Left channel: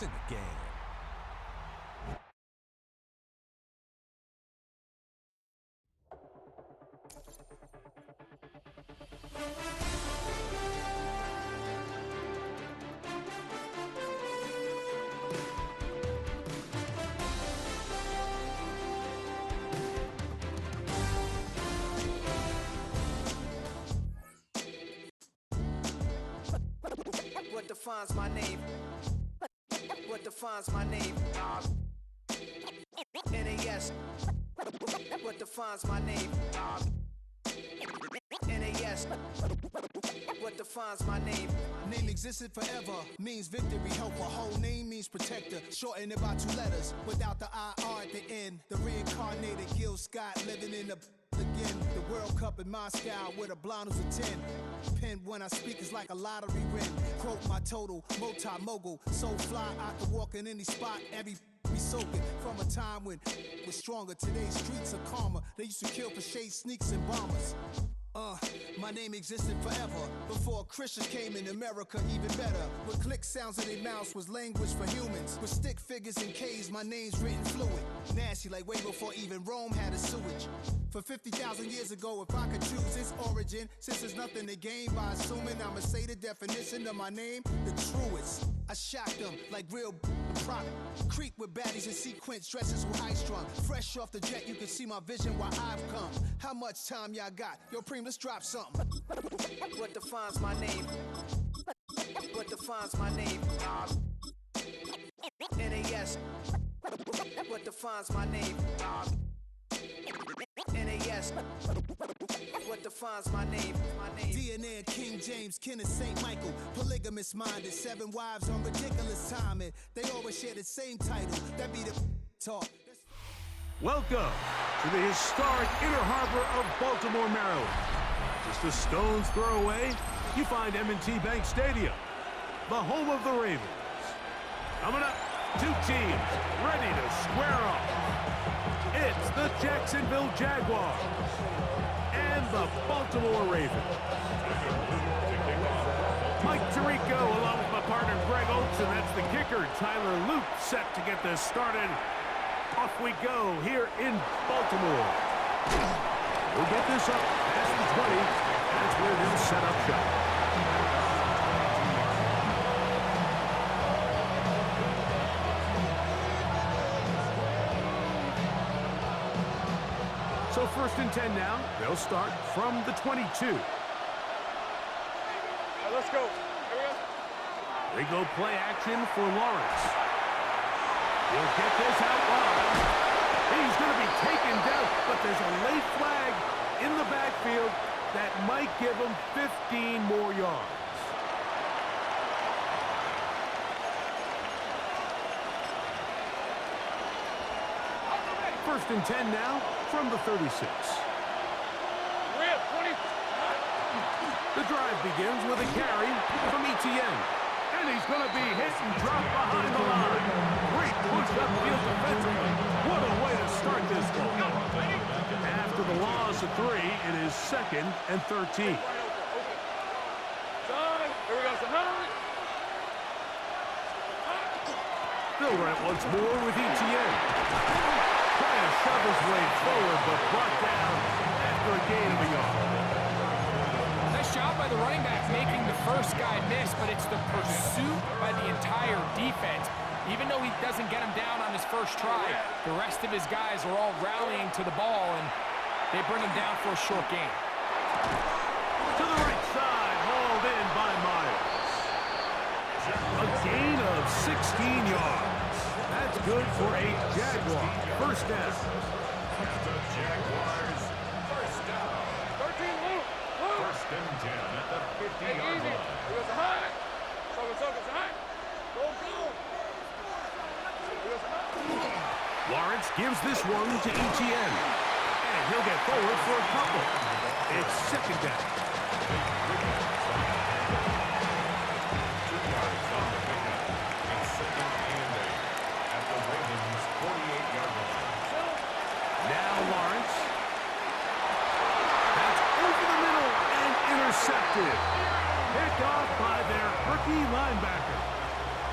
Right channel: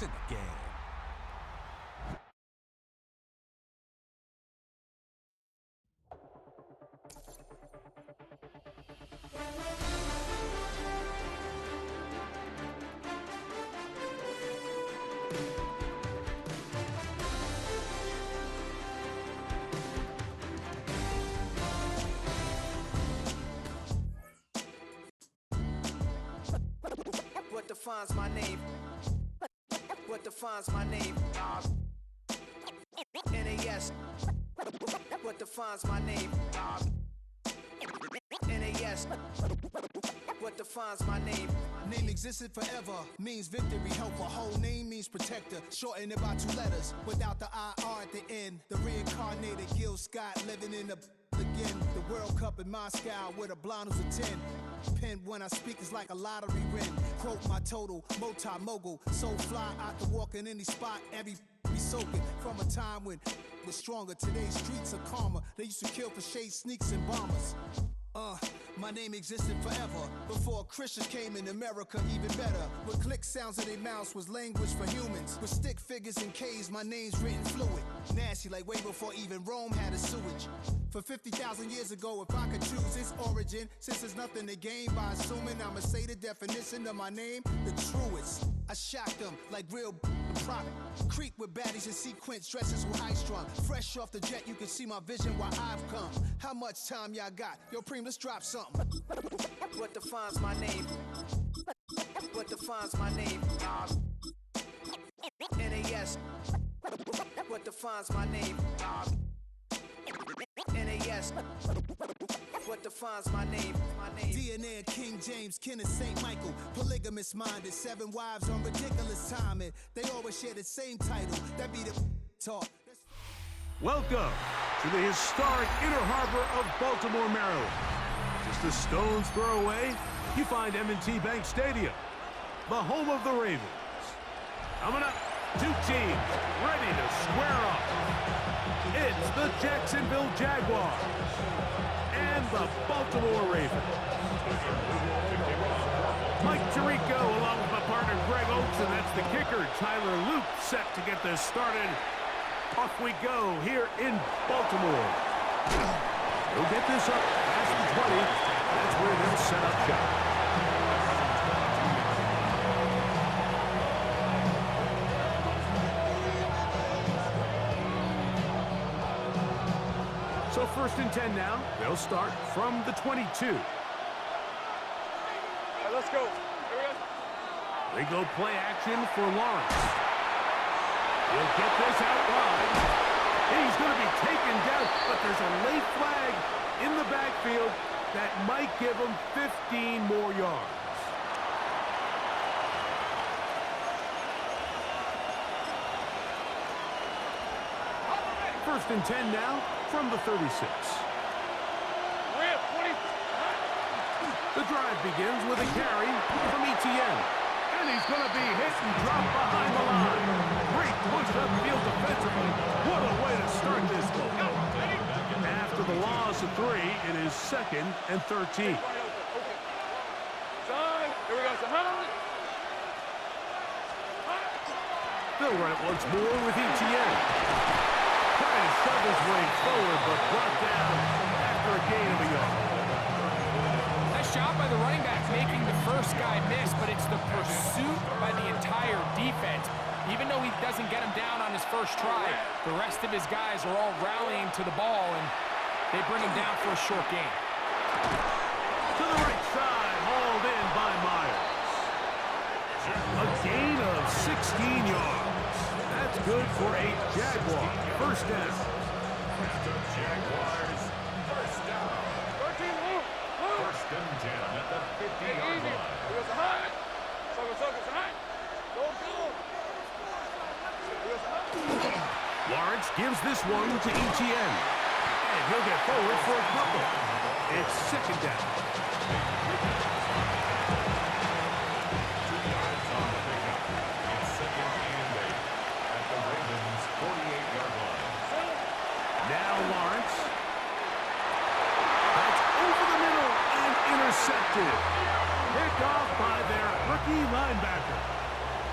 It's in the game. What defines my name? What defines my name? NAS. What defines my name? NAS. What defines my name? Name existed forever, means victory, helper. Whole name means protector, shortened it by 2 letters, without the IR at the end. The reincarnated Gil Scott living in the again. The World Cup in Moscow with a blonde who's a 10. Pen when I speak is like a lottery win. Quote my total, multi-mogul, so fly I can walk in any spot, every be soaking from a time when was stronger. Today's streets are calmer. They used to kill for shade sneaks and bombers. My name existed forever before Christians came in America, even better. With click sounds in their mouths was language for humans. With stick figures and K's, my name's written fluid. Nasty like way before even Rome had a sewage. For 50,000 years ago, if I could choose its origin, since there's nothing to gain by assuming I'ma say the definition of my name, the truest. I shocked them like real prop. Creep with baddies in sequence, dresses with high strung. Fresh off the jet, you can see my vision where I've come. How much time y'all got? Yo, Preem, let's drop something. What defines my name? What defines my name? NAS. What defines my name? NAS. What defines my name? DNA of King James, kin of St. Michael. Polygamous minded, 7 wives on ridiculous timing. They always share the same title. That be the talk. Welcome to the historic Inner Harbor of Baltimore, Maryland. Just a stone's throw away, you find M&T Bank Stadium, the home of the Ravens. Coming up, 2 teams ready to square off. It's the Jacksonville Jaguars and the Baltimore Ravens. Mike Tirico along with my partner Greg Oakes, and that's the kicker, Tyler Luke, set to get this started. Off we go here in Baltimore. He'll get this up past the 20. That's where they'll set up shop. So 1st and 10 now. They'll start from the 22. All right, let's go. Here we go. They go play action for Lawrence. He'll get this out wide. He's going to be taken down, but there's a late flag in the backfield that might give him 15 more yards. First and 10 now from the 36. Rip, 20. The drive begins with a carry from Etienne. And he's going to be hit and dropped behind the line. Great push upfield defensively. What a way to start this ball. After the loss of 3, it is 2nd and 13. Son, here we go, son. They'll run it once more with Etienne. Trying to shove his way forward, but brought down after a gain of a yard. Nice job by the running back making the first guy miss, but it's the pursuit by the entire defense. Even though he doesn't get him down on his first try, the rest of his guys are all rallying to the ball, and they bring him down for a short gain. To the right side, hauled in by Myers. A gain of 16 yards. That's good for a Jaguar first down. The Jaguars first down. 13, Luke. First and 10 at the 50-yard line. Here goes the high. Focus, high. Go. Here goes the high. Lawrence gives this one to Etienne. And he'll get forward for a couple. It's 2nd down. 2 yards on the pickup. It's 2nd and 8 at the Ravens' 48-yard line. Now Lawrence. That's over the middle and intercepted. Picked off by their rookie linebacker.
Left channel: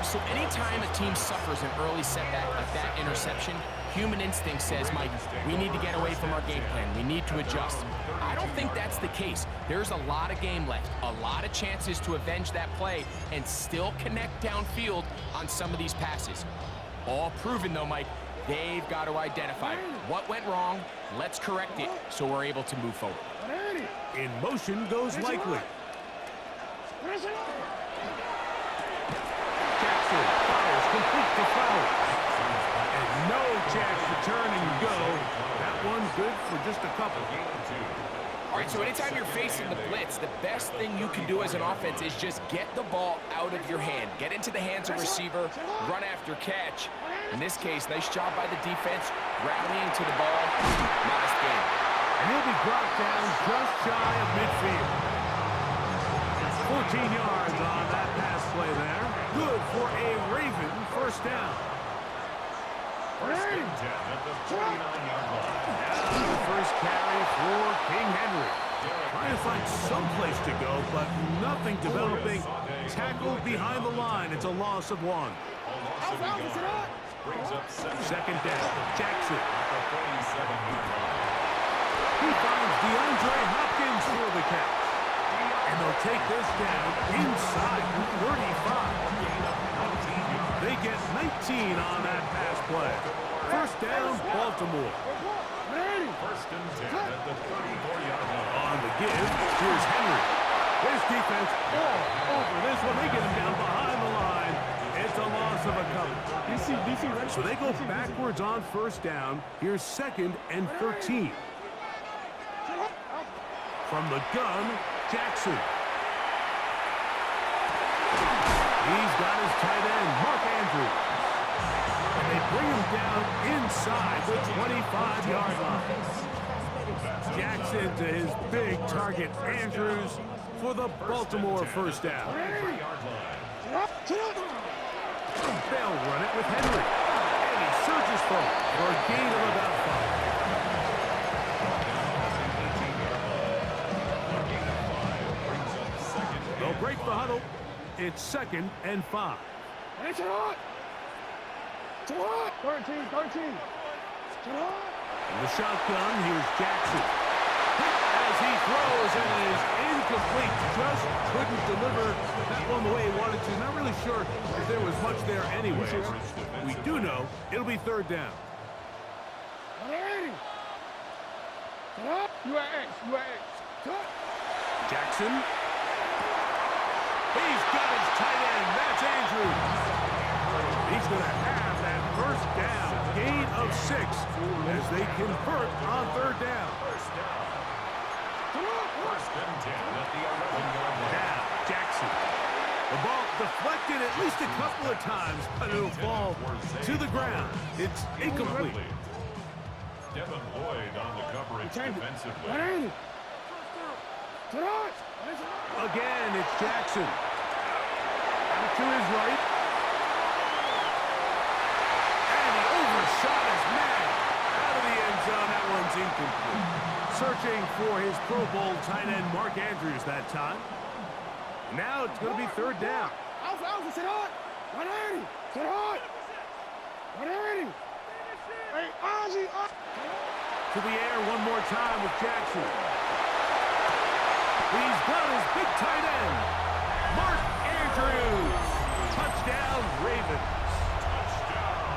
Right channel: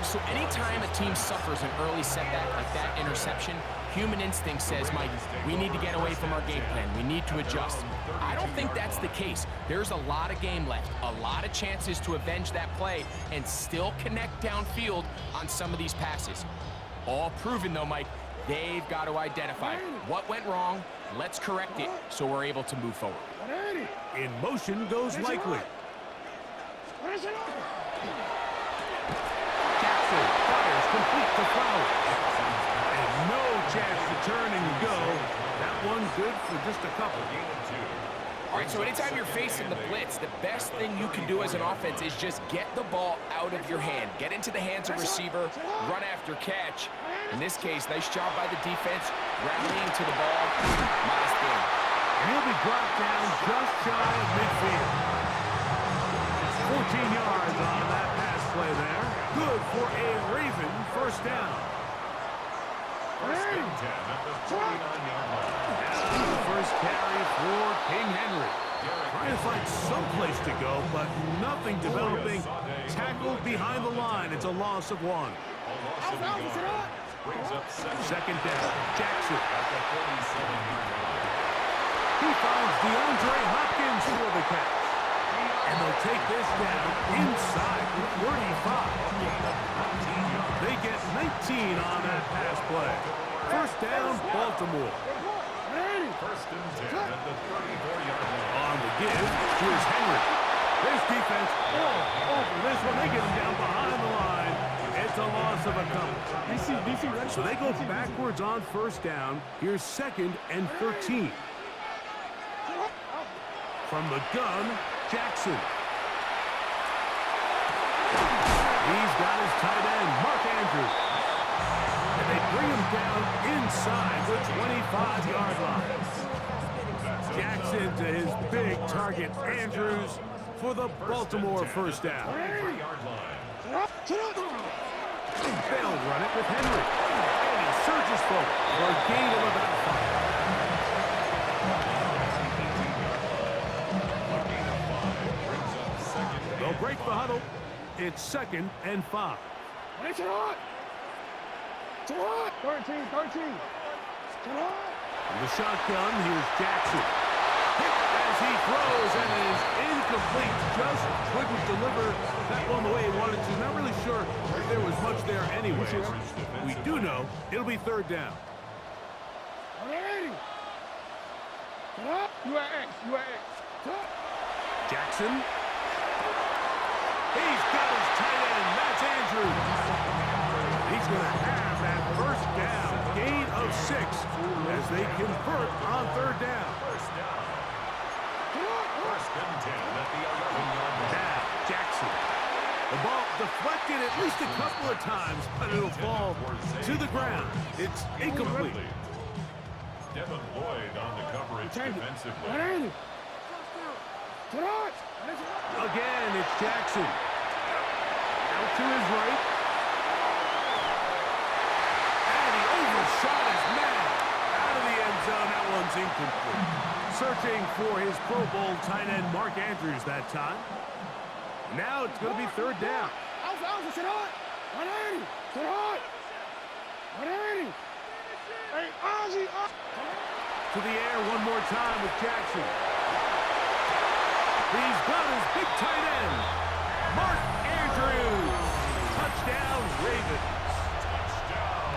So anytime a team suffers an early setback like that interception, human instinct says, Mike, we need to get away from our game plan. We need to adjust. I don't think that's the case. There's a lot of game left, a lot of chances to avenge that play and still connect downfield on some of these passes. All proven, though, Mike, they've got to identify what went wrong. Let's correct it so we're able to move forward. In motion goes Likely. Jackson fires complete to Flowers. And no chance to turn and go. That one good for just a couple. All right, so anytime you're facing the blitz, the best thing you can do as an offense is just get the ball out of your hand. Get into the hands of receiver, run after catch. In this case, nice job by the defense, rallying to the ball. Modest gain. And he'll be brought down just shy of midfield. 14 yards on that pass play there. Good for a Raven first down. First and 10 at the 49-yard line. Now the first carry for King Henry. Trying to find some place to go, but nothing developing. Tackled behind the line. It's a loss of 1. A loss of a yard. Brings up second down. Jackson. At the 47-yard line. He finds DeAndre Hopkins for the catch. And they'll take this down inside 35. They get 19 on that pass play. First down, Baltimore. First and 10 at the 34-yard line. On the give, here's Henry. This defense all over this one. They get him down behind the line. It's a loss of a couple. So they go backwards on first down. Here's second and 13. From the gun, Jackson. He's got his tight end, Mark Andrews. And they bring him down inside the 25-yard line. Jackson to his big target, Andrews, for the Baltimore first down. They'll run it with Henry. And he surges forward for a gain of about 5. They'll break the huddle. It's second and 5. 13. From the shotgun, here's Jackson. Hit as he throws, and it is incomplete. Just couldn't deliver that one the way he wanted to. Not really sure if there was much there anyways. We do know it'll be third down. Jackson. He's got his tight end. That's Andrews. He's going to have that first down. Gain of 6 as they convert on third down. First and 10 at the 11-yard line. Now, Jackson. The ball deflected at least a couple of times, but it'll fall to the ground. It's incomplete. Devin Lloyd on the coverage defensively. Again, it's Jackson. Out to his right. And he overshot his man. Out of the end zone, that one's incomplete. Searching for his Pro Bowl tight end, Mark Andrews, that time. Now it's going to be third down. To the air one more time with Jackson. He's got his big tight end, Mark Andrews. Touchdown, Ravens. Touchdown,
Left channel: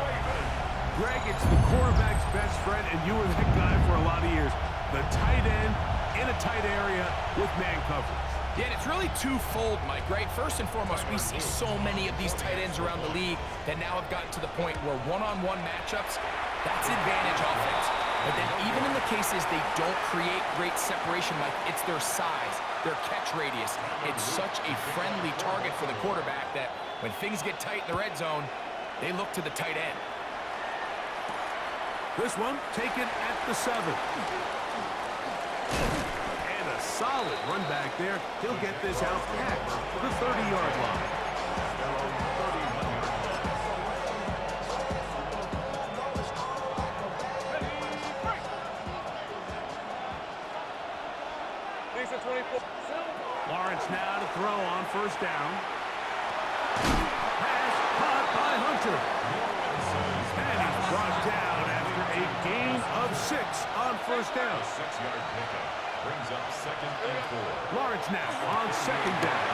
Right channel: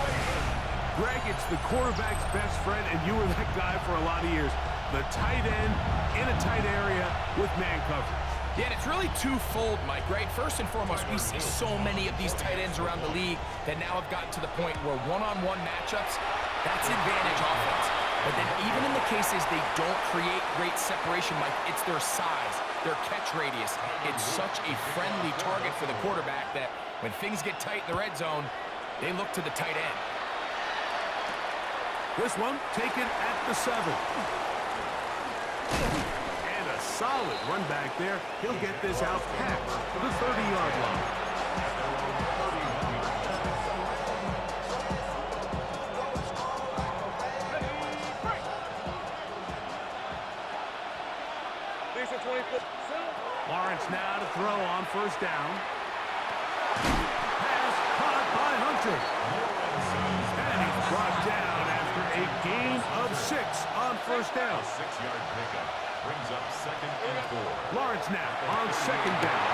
Ravens. Greg, it's the quarterback's best friend, and you were that guy for a lot of years. The tight end in a tight area with man coverage. Yeah, and it's really twofold, Mike, right? First and foremost, we see so many of these tight ends around the league that now have gotten to the point where one-on-one matchups, that's advantage offense. But then even in the cases they don't create great separation, Mike, it's their size, their catch radius. It's such a friendly target for the quarterback that when things get tight in the red zone, they look to the tight end. This one taken at the 7. And a solid run back there. He'll get this out past the 30-yard line. At their own 31-yard line. Lisa 24. Lawrence now to throw on first down. return. And he's brought down after a gain of 6 on first down. A 6-yard pickup brings up 2nd and 4. Lawrence now on 2nd down.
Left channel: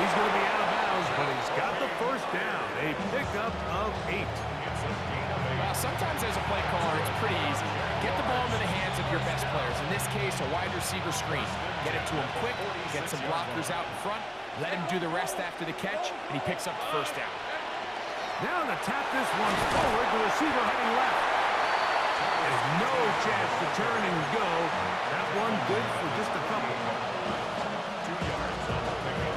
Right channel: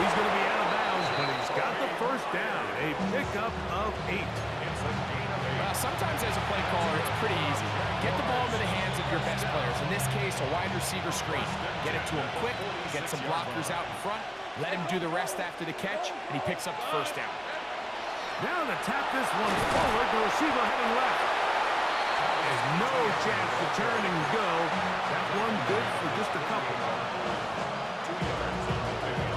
He's going to be out of bounds, but he's got the first down. A pickup of 8. It's a gain of 8. Well, sometimes as a play caller, it's pretty easy. Get the ball into the hands of your best players. In this case, a wide receiver screen. Get it to him quick, get some blockers out in front, let him do the rest after the catch, and he picks up the first down. Now to tap this one forward, the receiver heading left. There's no chance to turn and go. That one good for just a couple. 2 yards on the pickup.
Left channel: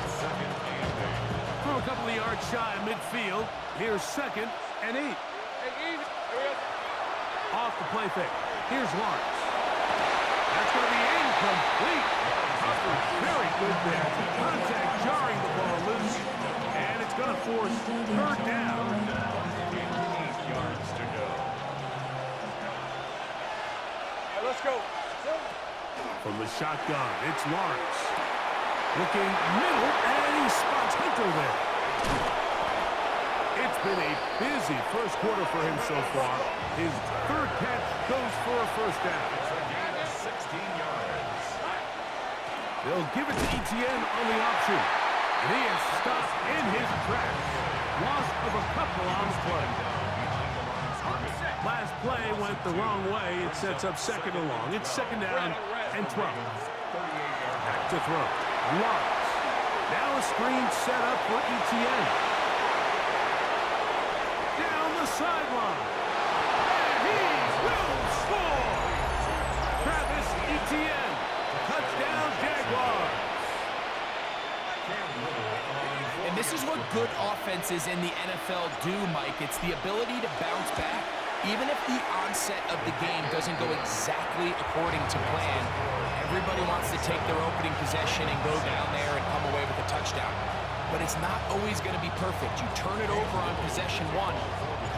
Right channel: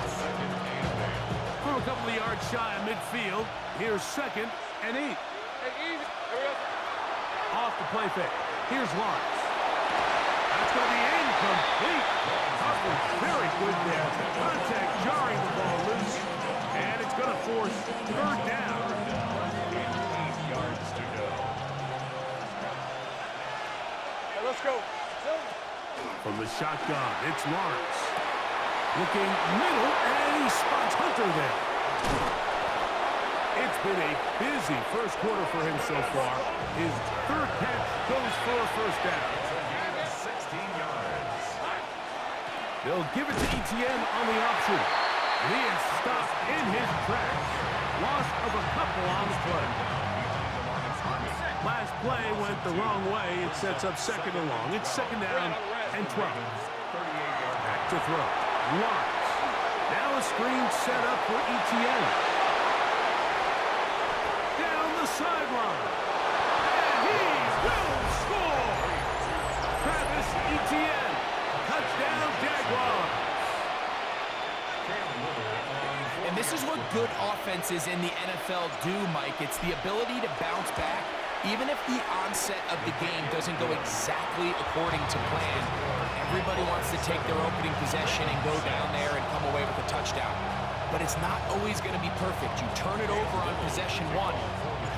It's 2nd and 8. From a couple of yards shy of midfield, here's 2nd and 8. Hey, easy. There we go. Off the play fake. Here's Lawrence. That's going to be incomplete. Coverage very good there. Contact jarring the ball loose. And it's going to force 3rd down. And 8 yards to go. Hey, let's go. From the shotgun, it's Lawrence. Looking middle, and he spots Hunter there. It's been a busy first quarter for him so far. His 3rd catch goes for a first down. It's a gain of 16 yards. They'll give it to Etienne on the option. And he is stopped in his tracks. Loss of a couple on the play. Last play went the wrong way. It sets up 2nd and long. It's 2nd down and 12. Back to throw. Lawrence. Now a screen set up for Etienne. Down the sideline. And he will score. Travis Etienne. Touchdown, Jaguars. And this is what good offenses in the NFL do, Mike. It's the ability to bounce back, even if the onset of the game doesn't go exactly according to plan. Everybody wants to take their opening possession and go down there and come away with a touchdown. But it's not always going to be perfect. You turn it over on possession 1.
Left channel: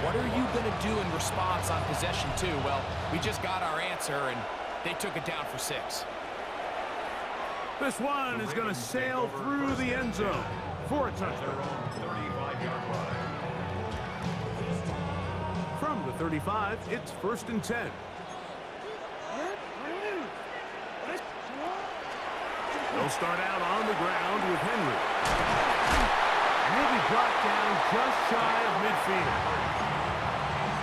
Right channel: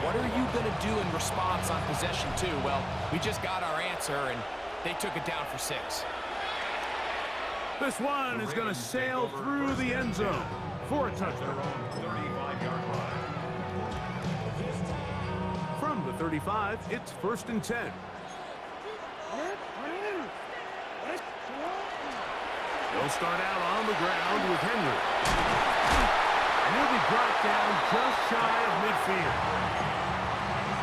What are you going to do in response on possession 2? Well, we just got our answer, and they took it down for 6. This one is going to sail through the end zone for a touchdown. 35-yard line. From the 35, it's 1st and 10. They'll start out on the ground with Henry. And he'll be brought down just shy of midfield.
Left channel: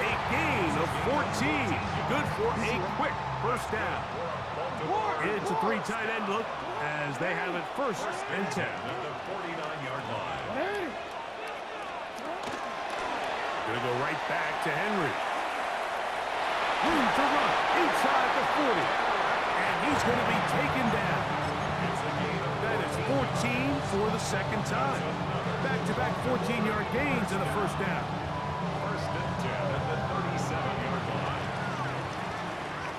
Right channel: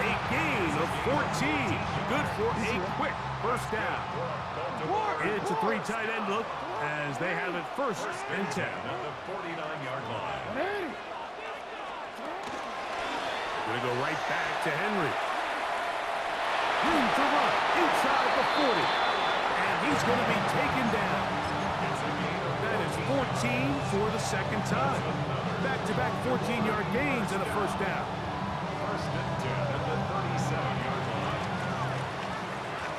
A gain of 14. Good for a quick first down. It's a 3 tight end look as they have it 1st and 10. At the 49-yard line. Going to go right back to Henry. Room to run inside the 40. And he's going to be taken down. That is 14 for the 2nd time. Back-to-back 14-yard gains and a first down. 1st and 10 at the 37-yard line.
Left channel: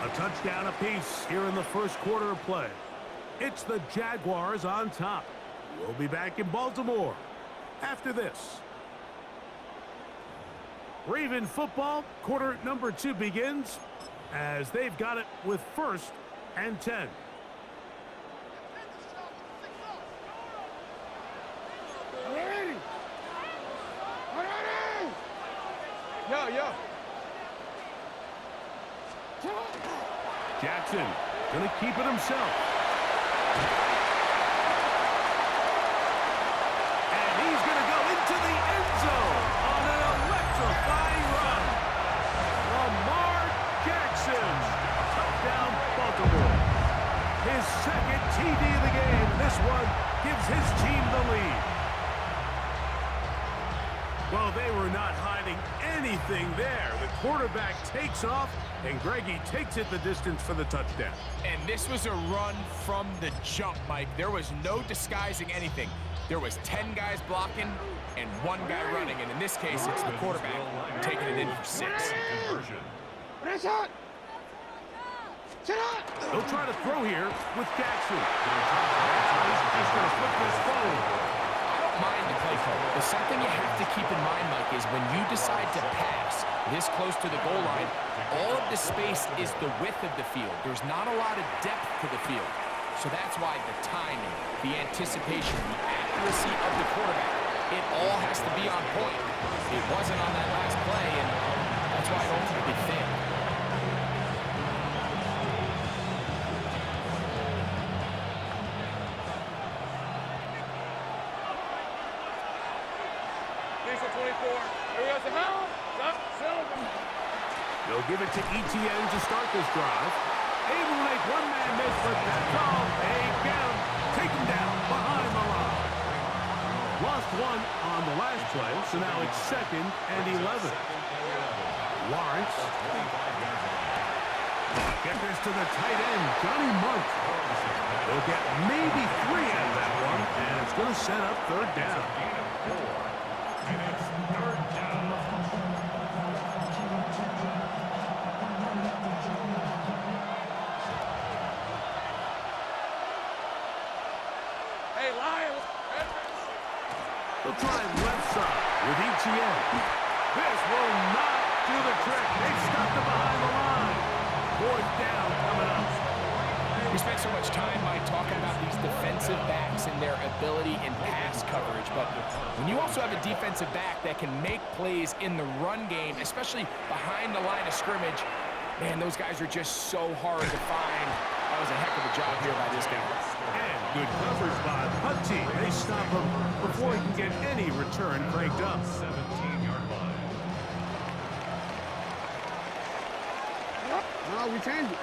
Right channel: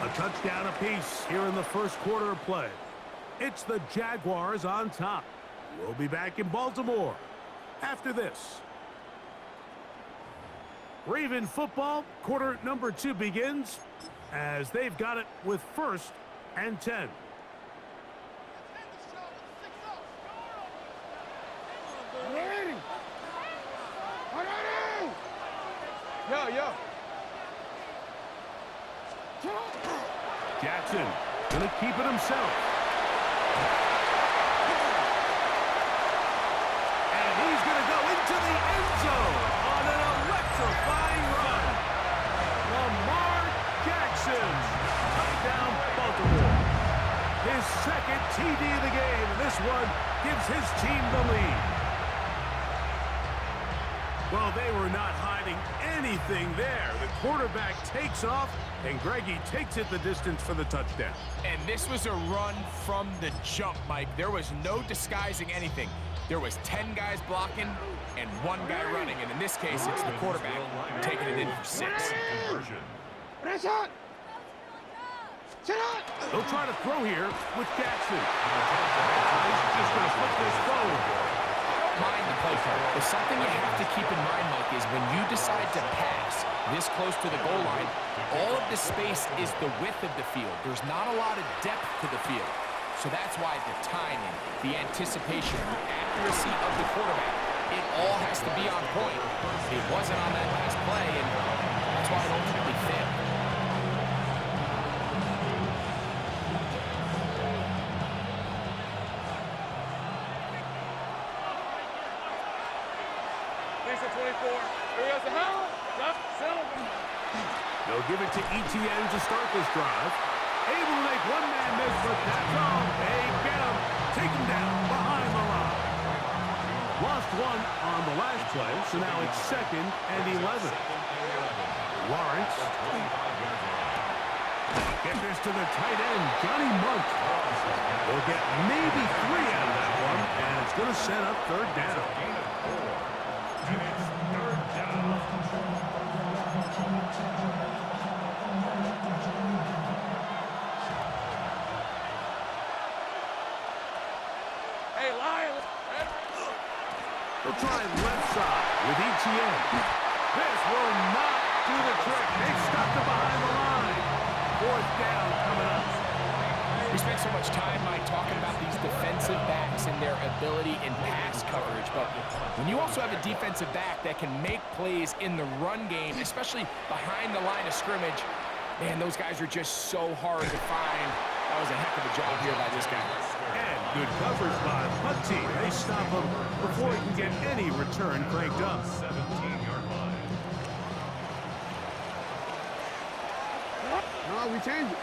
A touchdown apiece here in the first quarter of play. It's the Jaguars on top. We'll be back in Baltimore after this. Raven football, quarter number 2 begins as they've got it with 1st and 10. Yo. Jackson gonna keep it himself. And he's gonna go into the end zone on an electrifying run. Lamar Jackson, touchdown Baltimore. His 2nd TD of the game. This one gives his team the lead. Well, they were not hiding anything there. The quarterback takes off, and Greggy takes it the distance for the touchdown. And this was a run from the jump, Mike. There was no disguising anything. There was 10 guys blocking and 1 guy running. And in this case, it's the quarterback taking it in for 6. They'll try to throw here with Jackson. Now he's just going to flip this forward. I don't mind the play call, but something you have to keep in mind, Mike, is when you decide to pass this close to the goal line, all of the space is the width of the field. There's not a lot of depth to the field. So that's why the timing, the anticipation, the accuracy of the quarterback It all has to be on point. It wasn't on that last play, and that's why it ultimately failed. These are 24. Here we go. They'll give it to ETN to start this drive. Able to make one man miss, but that's all. They get him. Take him down behind the line. Lost one on the last play, so now it's 2nd and 11. Lawrence. Get this to the tight end, Johnny Munt. They'll get maybe 3 out of that one, and it's going to set up 3rd down. And it's 3rd down. Hey, Lions. They'll try left side with ETN. This will not do the trick. They've stopped it behind the line. 4th down coming up. We spent so much time, Mike, talking about these defensive backs and their ability in pass coverage. But when you also have a defensive back that can make plays in the run game, especially behind the line of scrimmage, man, those guys are just so hard to find. That was a heck of a job here by this guy. And good coverage by the punt team. They stop him before he can get any return cranked up. 17-yard line. No, we changed it.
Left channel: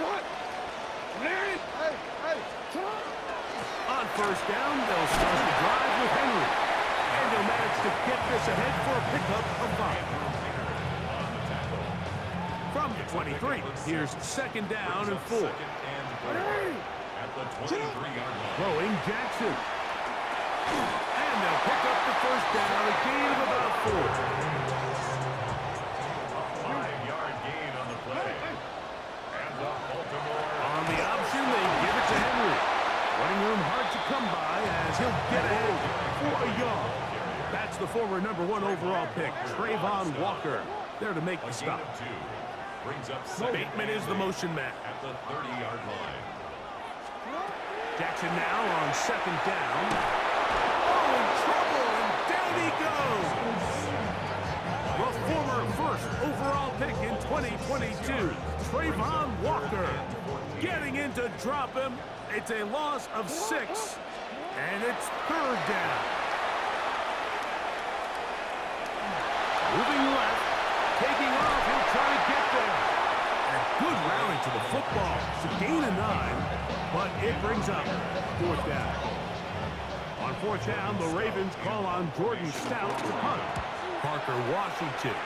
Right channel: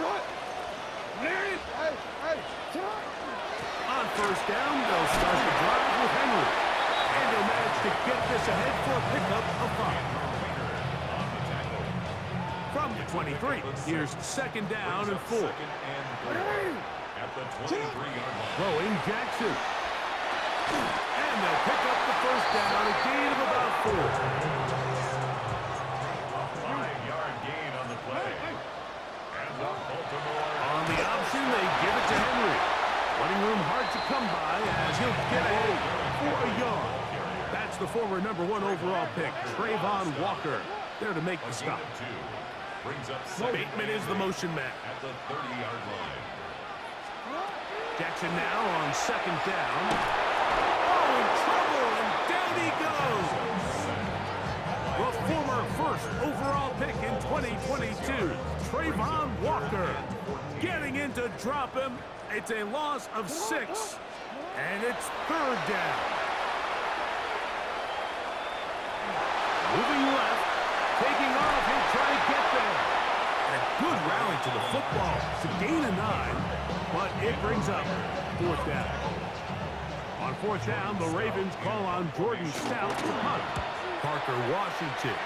What? Larry? Hey. On 1st down, they'll start the drive with Henry. And he'll manage to get this ahead for a pickup of 5. On the tackle. From the 23, here's 2nd down and 4. At the 23-yard line. Throwing Jackson. And they'll pick up the 1st down, a gain of about 4. A 5-yard gain on the play. And the Baltimore. On the option, they give it to Henry. Running room hard to come by as he'll get ahead for a yard. That's the former #1 overall pick, Trayvon Walker, there to make the stop. Brings up Bateman is the motion man. at the 30-yard line. Jackson now on 2nd down. Oh, in trouble, and down he goes. The former 1st overall pick in 2022, Trayvon Walker, getting in to drop him. It's a loss of 6, and it's 3rd down. Moving left, taking off, he'll try to get there. And a good rally to the football. It's a gain of 9, but it brings up 4th down. On 4th down, the Ravens call on Jordan Stout to punt. Parker Washington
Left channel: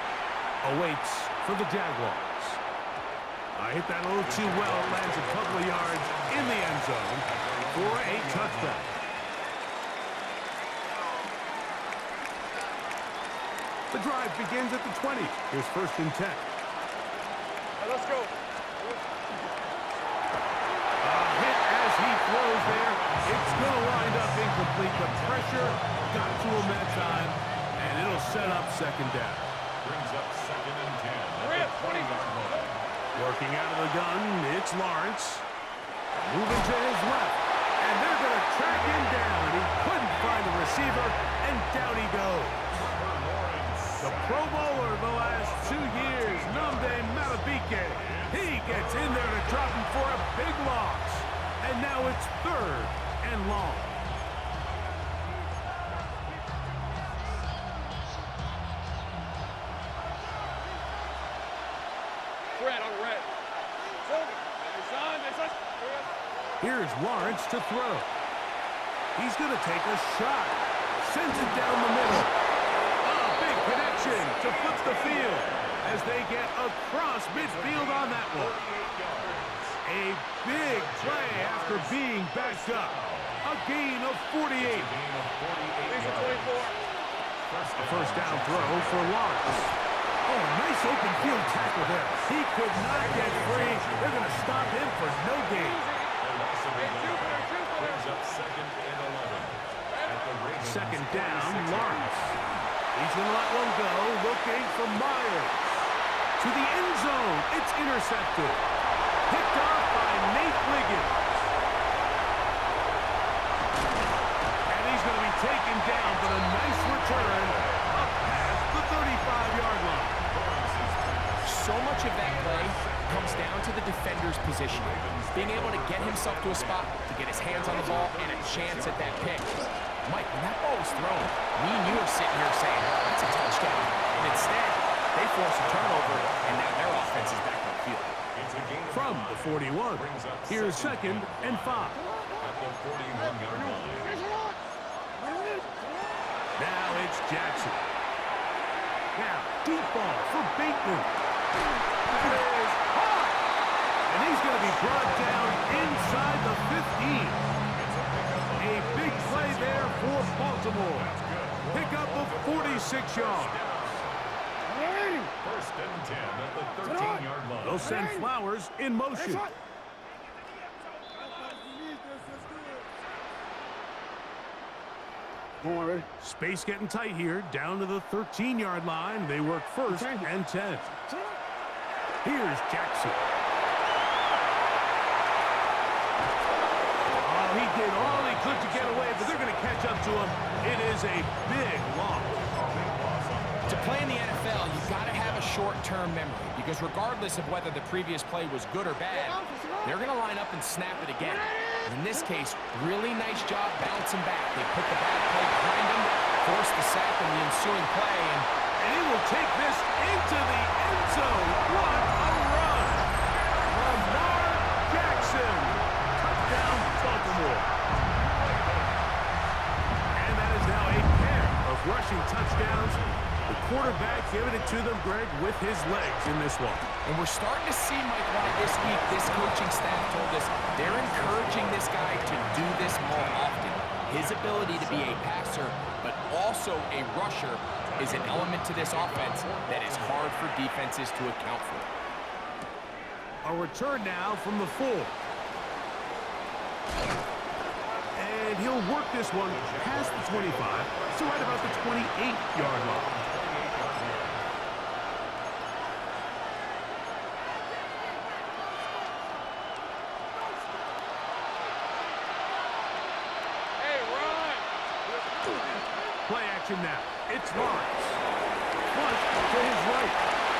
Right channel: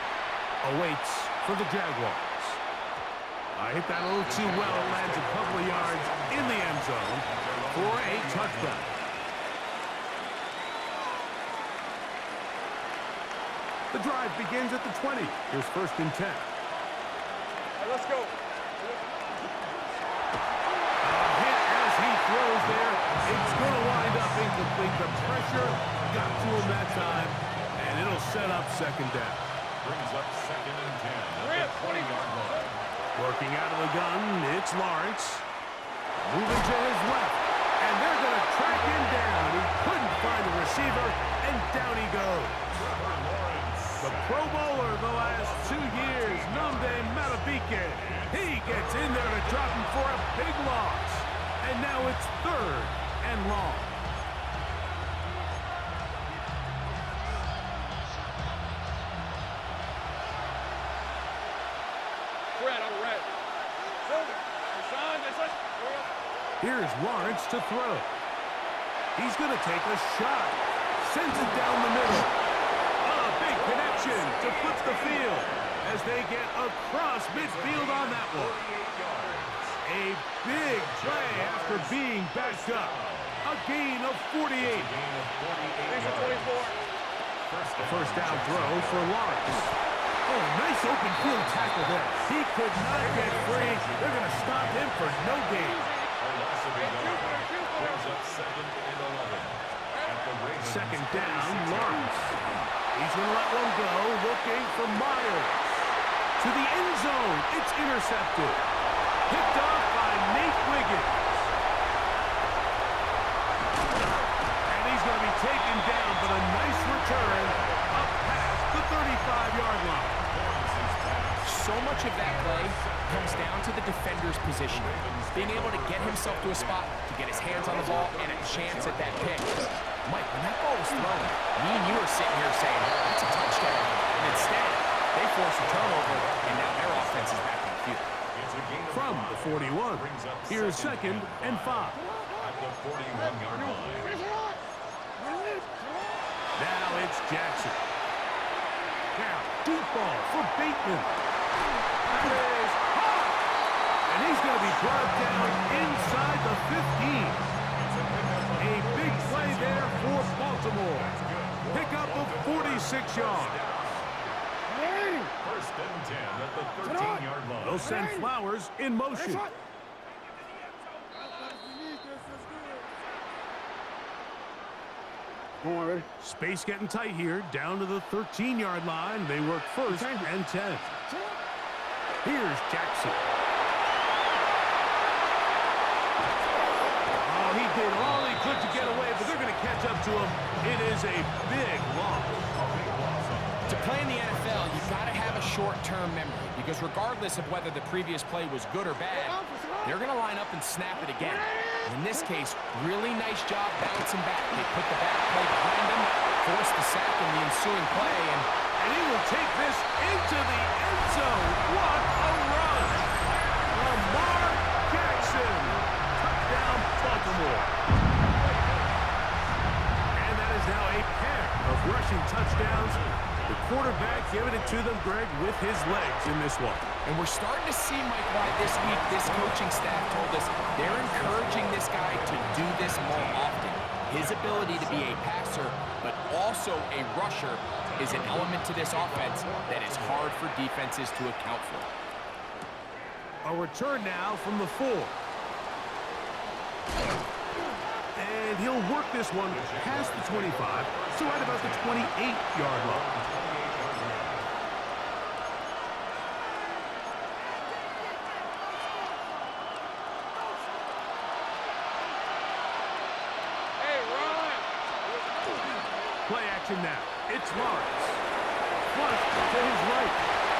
awaits for the Jaguars. I hit that a little too well. It lands a couple of yards in the end zone for a touchdown. The drive begins at the 20. Here's 1st and 10. Hey, let's go. A hit as he throws there. It's going to wind up incomplete. The pressure got to him that time, and it'll set up 2nd down. Brings up 2nd and 10 at the 20-yard line. Working out of the gun, it's Lawrence. Moving to his left, and they're going to track him down. He couldn't find a receiver, and down he goes. The Pro Bowler the last 2 years, Nnamdi Madubuike. He gets in there to drop him for a big loss. And now it's 3rd and long. Red on red. Silver. Sean, Here's Lawrence to throw. He's going to take a shot. Sends it down the middle. A big connection to flip the field as they get across midfield on that one. A big play after being backed up. A gain of 48. These are 24. A 1st down throw for Lawrence. Oh, nice open field tackle there. He could not get free. They're going to stop him for no gain. Brings up 2nd and 11 at the Ravens. 2nd down, Lawrence. He's going to let one go, looking for Myers. To the end zone, it's intercepted. Picked off by Nate Wiggins. And he's going to be taken down, but a nice return up past the 35-yard line. So much of that play comes down to the defender's positioning, being able to get himself to a spot, to get his hands on the ball, and a chance at that pick. Mike, when that ball was thrown, me and you are sitting here saying, that's a touchdown. And instead, they force a turnover, and now their offense is back on the field. From the 41, here's 2nd and 5. At the 41-yard line. Now it's Jackson. Now, deep ball for Bateman. That is hot! And he's going to be brought down inside the 15. A big play there for Baltimore. Pickup of 46 yards. First and 10 at the 13-yard line. They'll send Flowers in motion. Ready? Space getting tight here, down to the 13-yard line. They work 1st and 10. Here's Jackson. Oh, he did all he could to get away, but they're going to catch up to him. It is a big loss. To play in the NFL, you've got to have a short-term memory, because regardless of whether the previous play was good or bad, they're going to line up and snap it again. And in this case, really nice job bouncing back. They put the bad play behind them, forced the sack in the ensuing play, and he will take this into the end zone. What a run! Lamar Jackson. Touchdown, Baltimore. And that is now a pair of rushing touchdowns. The quarterback giving it to them, Greg, with his legs in this one. And we're starting to see, Mike, why this week this coaching staff told us they're encouraging this guy to do this more often. His ability to be a passer, but also a rusher, is an element to this offense that is hard for defenses to account for. A return now from the 4. And he'll work this one past the 25, so right about the 28-yard line. Play action now. It's Lawrence. Flush to his right.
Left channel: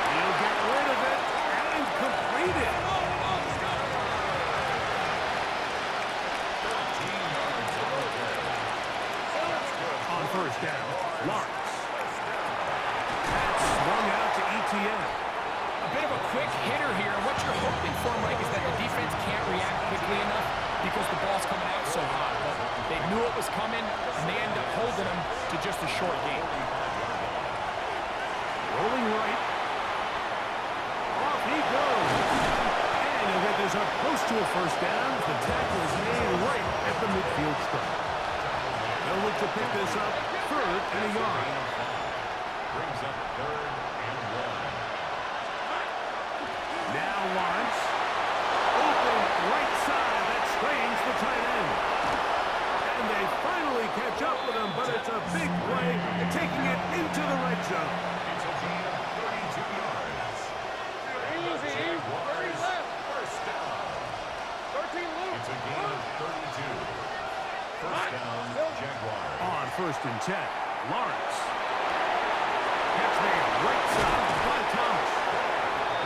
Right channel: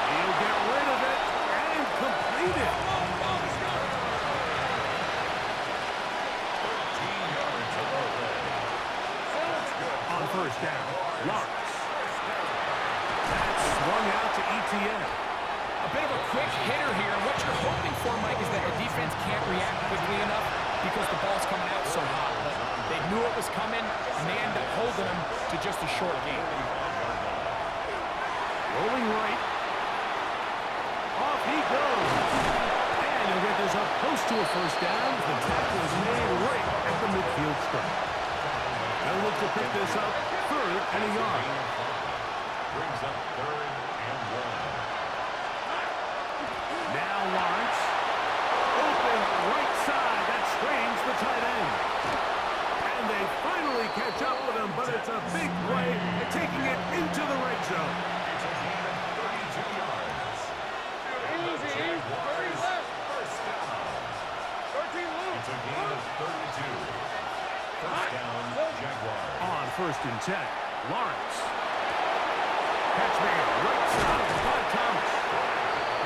He'll get rid of it and complete it. 13 yards on the play. On 1st down, Lawrence. That's swung out to ETN. A bit of a quick hitter here, and what you're hoping for, Mike, is that the defense can't react quickly enough because the ball's coming out so hot. But they knew it was coming, and they end up holding them to just a short game. Rolling right. Off he goes. And he'll get this up close to a 1st down. The tackle is made right at the midfield stripe. They'll look to pick this up 3rd and a yard. Brings up 3rd and 1. Now Lawrence. Open right side. That strains the tight end. And they finally catch up with him, but it's a big play, taking it into the red zone. It's a gain of 32 yards. Easy. 30 left. First down. 13 loose. It's a gain of 32. First down, Jaguars. On 1st and 10, Lawrence. Catch man, right side by Thomas.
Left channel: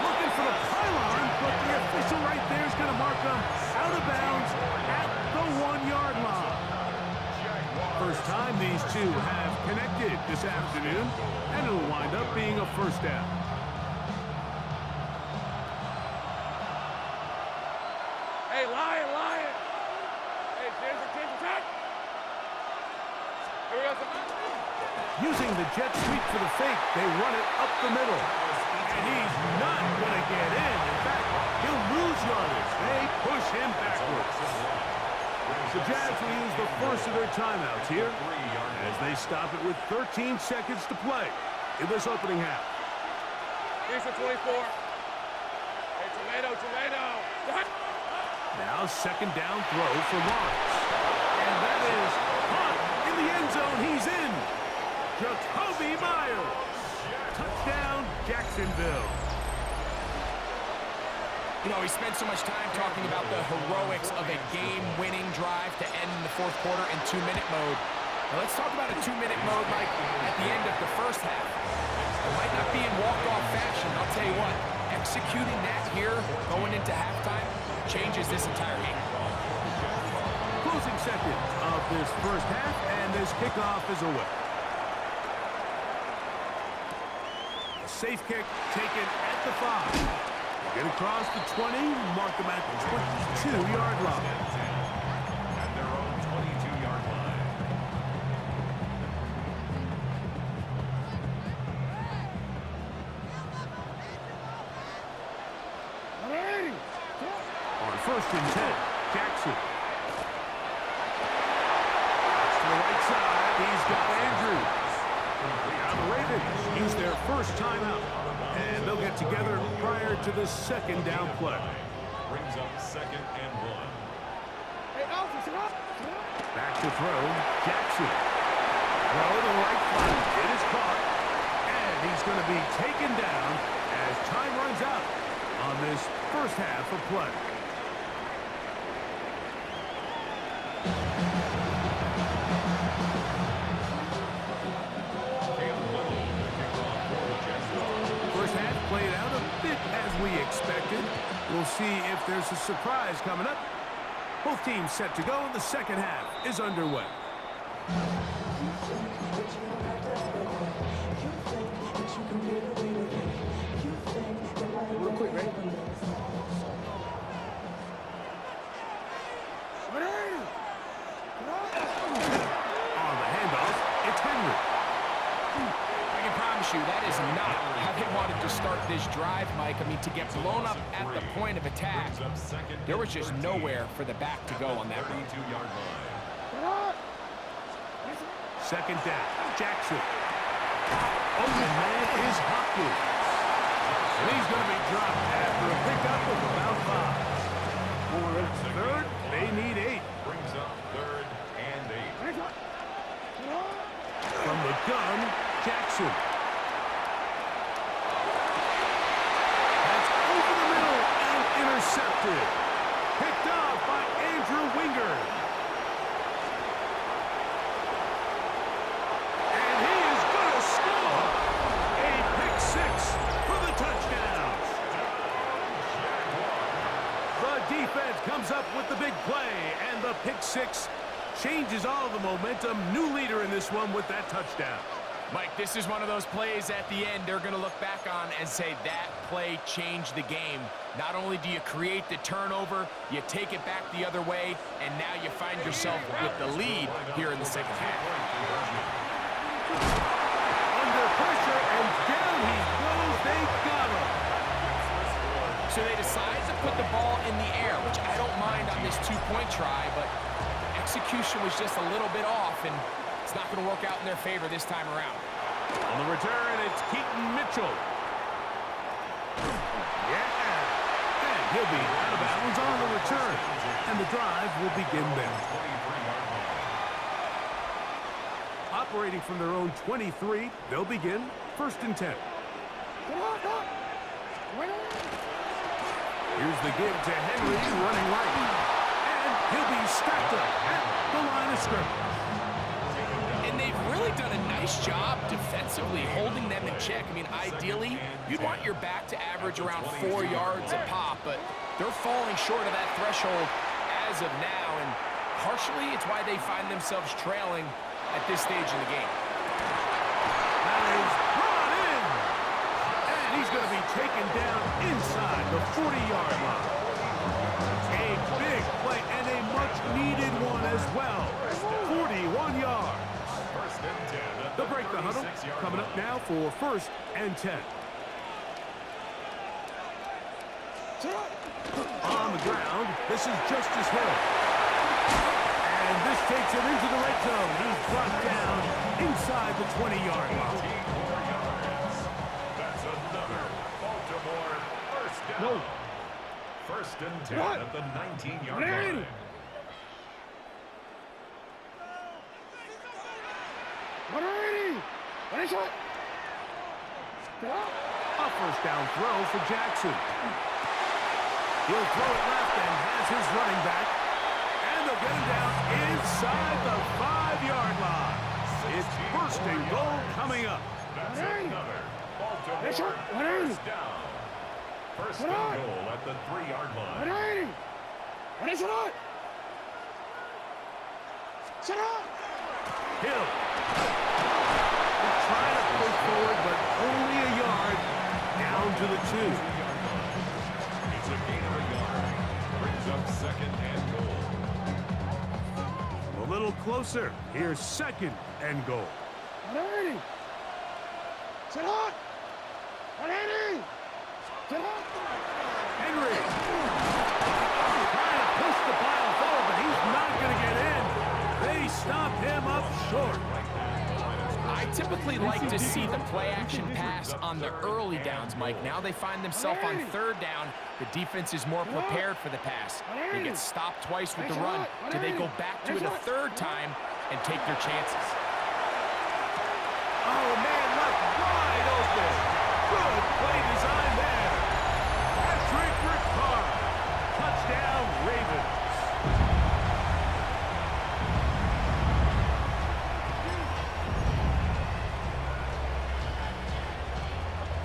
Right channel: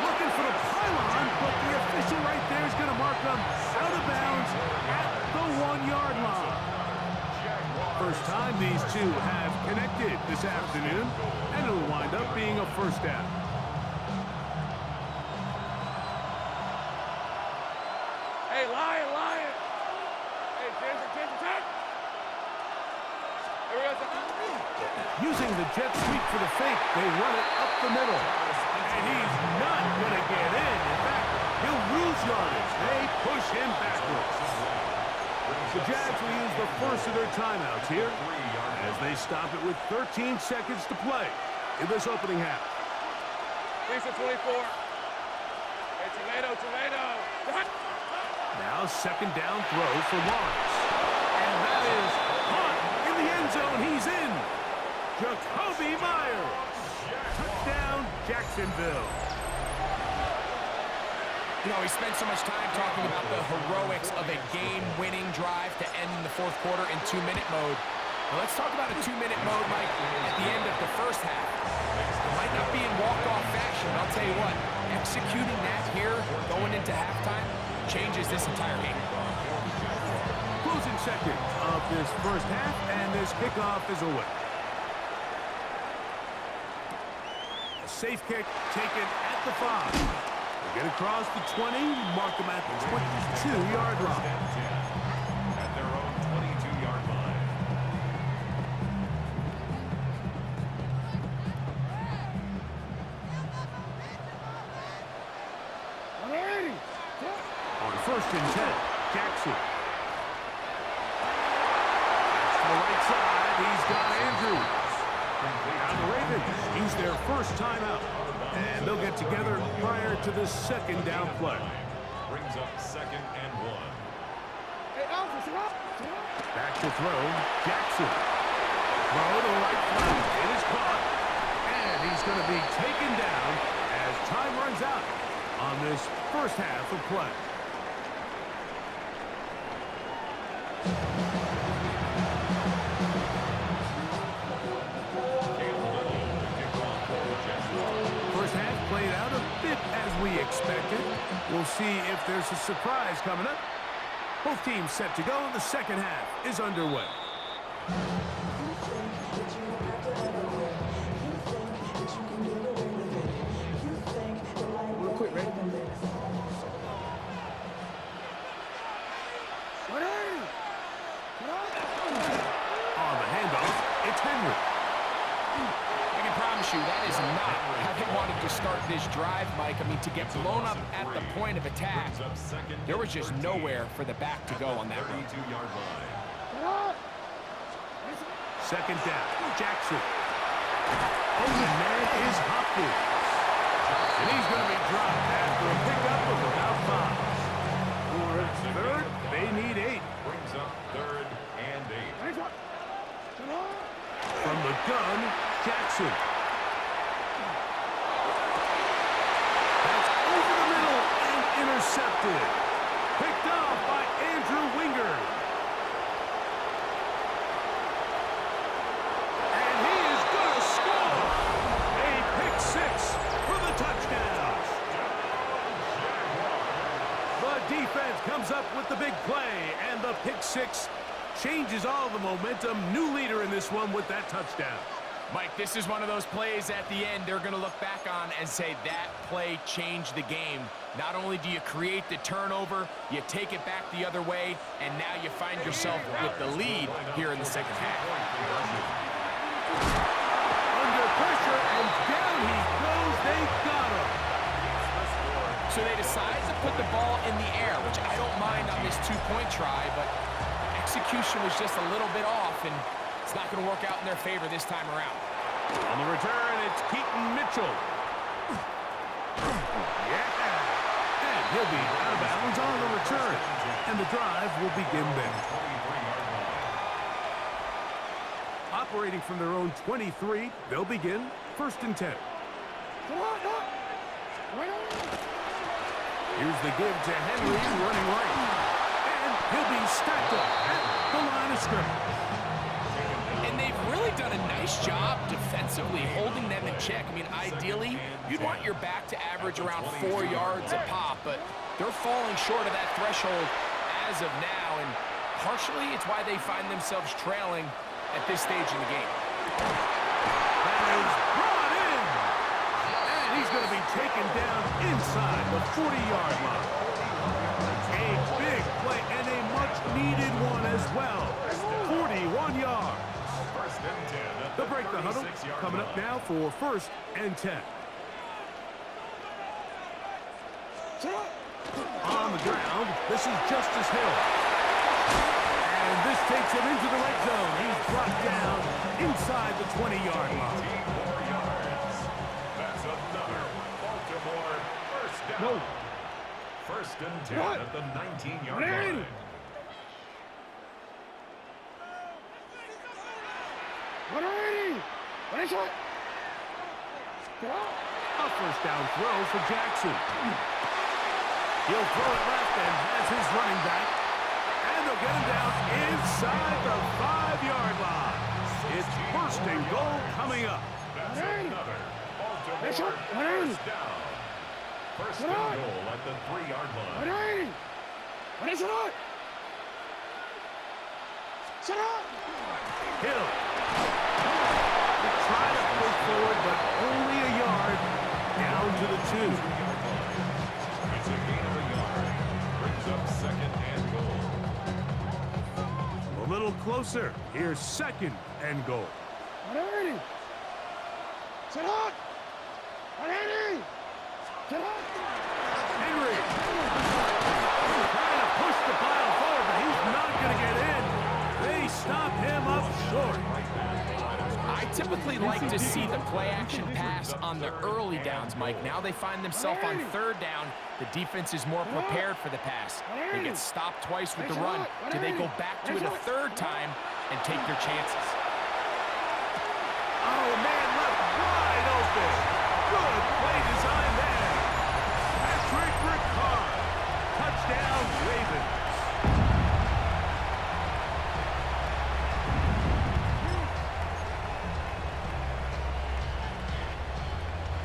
Looking for the pylon, but the official right there is going to mark them out of bounds at the 1-yard line. First time these two have connected this afternoon, and it'll wind up being a 1st down. Hey, lion. Hey, James, attack. Here we go. Using the jet sweep for the fake, they run it up the middle. And he's not going to get in. In fact, he'll lose yardage. They push him backwards. The Jags will use the first of their timeouts here as they stop it with 13 seconds to play in this opening half. Piece of 24. Hey, tomato. Now 2nd down throw for Lawrence. And that is caught in the end zone. He's in. Jacoby Myers. Touchdown, Jacksonville. You know, we spent so much time talking about the heroics of a game-winning drive to end in the 4th quarter in 2-minute mode. Now let's talk about a 2-minute mode, Mike, at the end of the first half. It might not be in walk-off fashion, but I'll tell you what, executing that here going into halftime changes this entire game. Closing seconds of this first half, and this kickoff is away. A safe kick taken at the 5. They get across the 20, mark them at the 22-yard line. At their own 22-yard line. On 1st and 10, Jackson. That's to the right side. He's got Andrews. Now the Ravens use their first timeout, and they'll get together prior to the second down play. Brings up 2nd and 1. Back to throw, Jackson. Throw to the right flat. It is caught, and he's going to be taken down as time runs out on this first half of play. First half played out a bit as we expected. We'll see if there's a surprise coming up. Both teams set to go, and the second half is underway. Real quick, ready? On the handoff, it's Henry. I can promise you that is not how they wanted to start this drive, Mike. I mean, to get blown up at the point of attack, there was just nowhere for the back to go on that run. 32-yard line. Second down, Jackson. Open man is Hopkins. And he's going to be dropped after a pickup of about 5. For third, they need 8. Brings up 3rd and 8. From the gun, Jackson. That's over the middle and intercepted. Picked off by Andrew Wingard. And he is going to score. A pick 6 for the touchdown. The defense comes up with the big play, and the pick 6 changes all the momentum. New leader in this one with that touchdown. Mike, this is one of those plays at the end they're going to look back on and say that play changed the game. Not only do you create the turnover, you take it back the other way, and now you find yourself with the lead here in the second half. Under pressure, and down he goes. They got him. So they decide to put the ball in the air, which I don't mind on this 2-point try, but the execution was just a little bit off, and it's not going to work out in their favor this time around. On the return, it's Keaton Mitchell. Yeah. And he'll be out of bounds on the return. And the drive will begin there. Operating from their own 23, they'll begin 1st and 10. Here's the give to Henry running right. And he'll be stacked up at the line of scrimmage. And they've really done a nice job defensively holding them in check. I mean, ideally, you'd want your back to average around 4 yards a pop, but they're falling short of that threshold as of now, and partially it's why they find themselves trailing at this stage in the game. That is brought in, and he's going to be taken down inside the 40-yard line. A big play and a much-needed one as well. 41 yards. They'll break the huddle. Coming up now for 1st and 10. On the ground, this is Justice Hill. And this takes him into the red zone. He's brought down inside the 20-yard line. 18 more yards. That's another Baltimore first down. No. 1st and 10 at the 19-yard line. A first down throw for Jackson. He'll throw it left and has his running back. And they'll get him down inside the 5-yard line. It's first and goal coming up. That's another Baltimore first down. First and goal at the 3-yard line. Hill. They're trying to push forward, but only a yard down to the 2. It's a gain of a yard. Brings up second and goal. A little closer. Here's second and goal. Henry. Trying to push the pile forward, but he's not going to get in. They stopped him up short. I typically like to see the play-action pass on the early downs, Mike. Now they find themselves on 3rd down. The defense is more prepared for the pass. They get stopped twice with the run. Do they go back to it a 3rd time and take their chances? Oh, man, left wide open. Good play design there. Patrick Ricard. Touchdown, Ravens.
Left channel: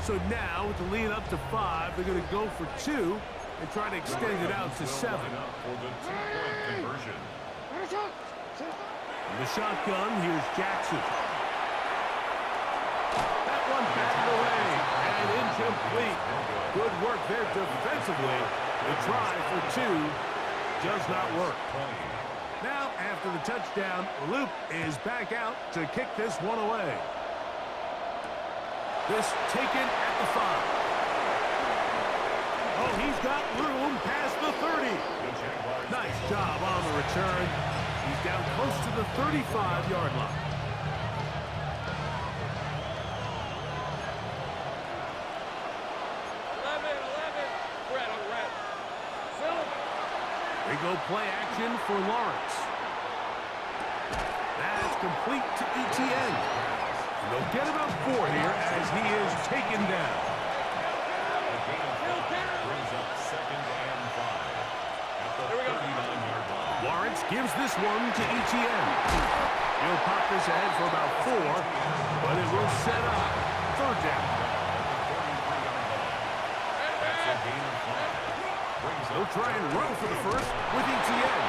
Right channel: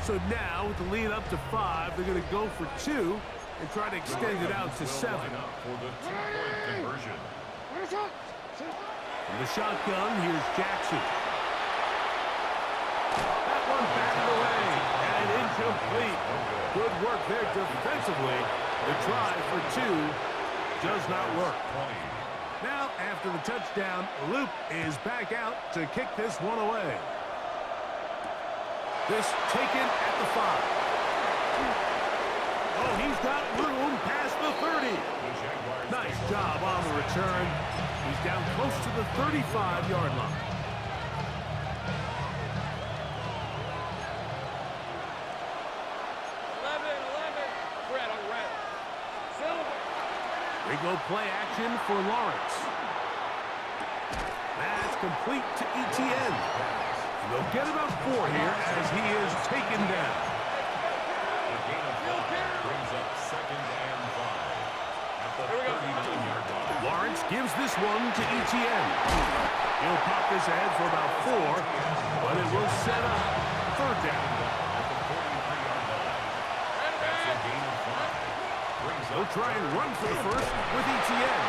So now, with the lead up to 5, they're going to go for 2 and try to extend it out to 7. For the 2-point conversion. From the shotgun, here's Jackson. That one batted away and incomplete. Good work there defensively. The try for 2 does not work. Now, after the touchdown, Loop is back out to kick this one away. This taken at the 5. Oh, he's got room past the 30. Nice job on the return. He's down close to the 35-yard line. They go play action for Lawrence. That's complete to ETN. And they'll get about 4 here as he is taken down. A gain of 5 brings up second and 5 at the 39-yard line. Lawrence gives this one to ETN. He'll pop this ahead for about 4, but it will set up 3rd down. At the 43-yard line. That's a gain of 5. He'll try and run for the first with ETN.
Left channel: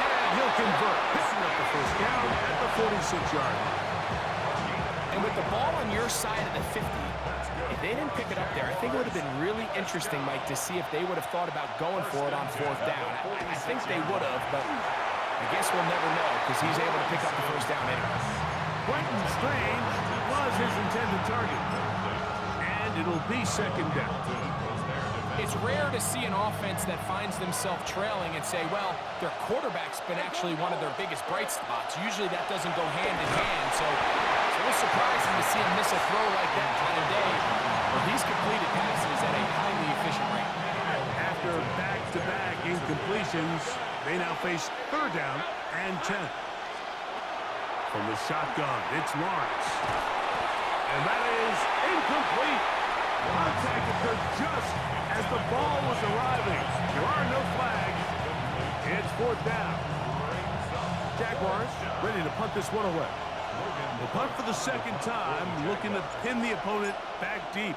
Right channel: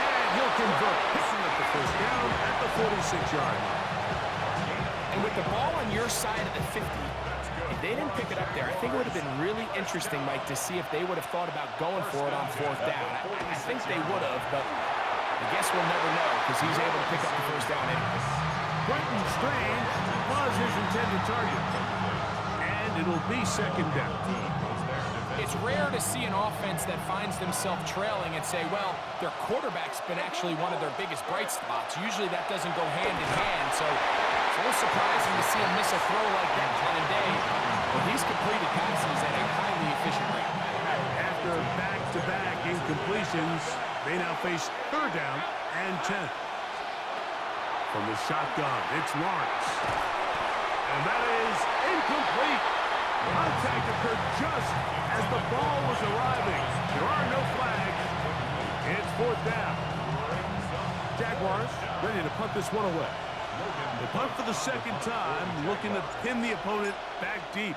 And he'll convert, picking up the first down at the 46-yard line. And with the ball on your side of the 50, if they didn't pick it up there, I think it would have been really interesting, Mike, to see if they would have thought about going for it on 4th down. I think they would have, but I guess we'll never know because he's able to pick up the first down anyway. Quentin Strange was his intended target. And it'll be 2nd down. It's rare to see an offense that finds themselves trailing and say, well, their quarterback's been actually one of their biggest bright spots. Usually that doesn't go hand in hand, so it's a little surprising to see him miss a throw like that on a day where he's completed passes at a highly efficient rate. After back-to-back incompletions, they now face 3rd down and 10. From the shotgun, it's Lawrence. And that is incomplete. Contact occurred just as the ball was arriving. There are no flags. It's 4th down. Jaguars ready to punt this one away. They'll punt for the 2nd time, looking to pin the opponent back deep.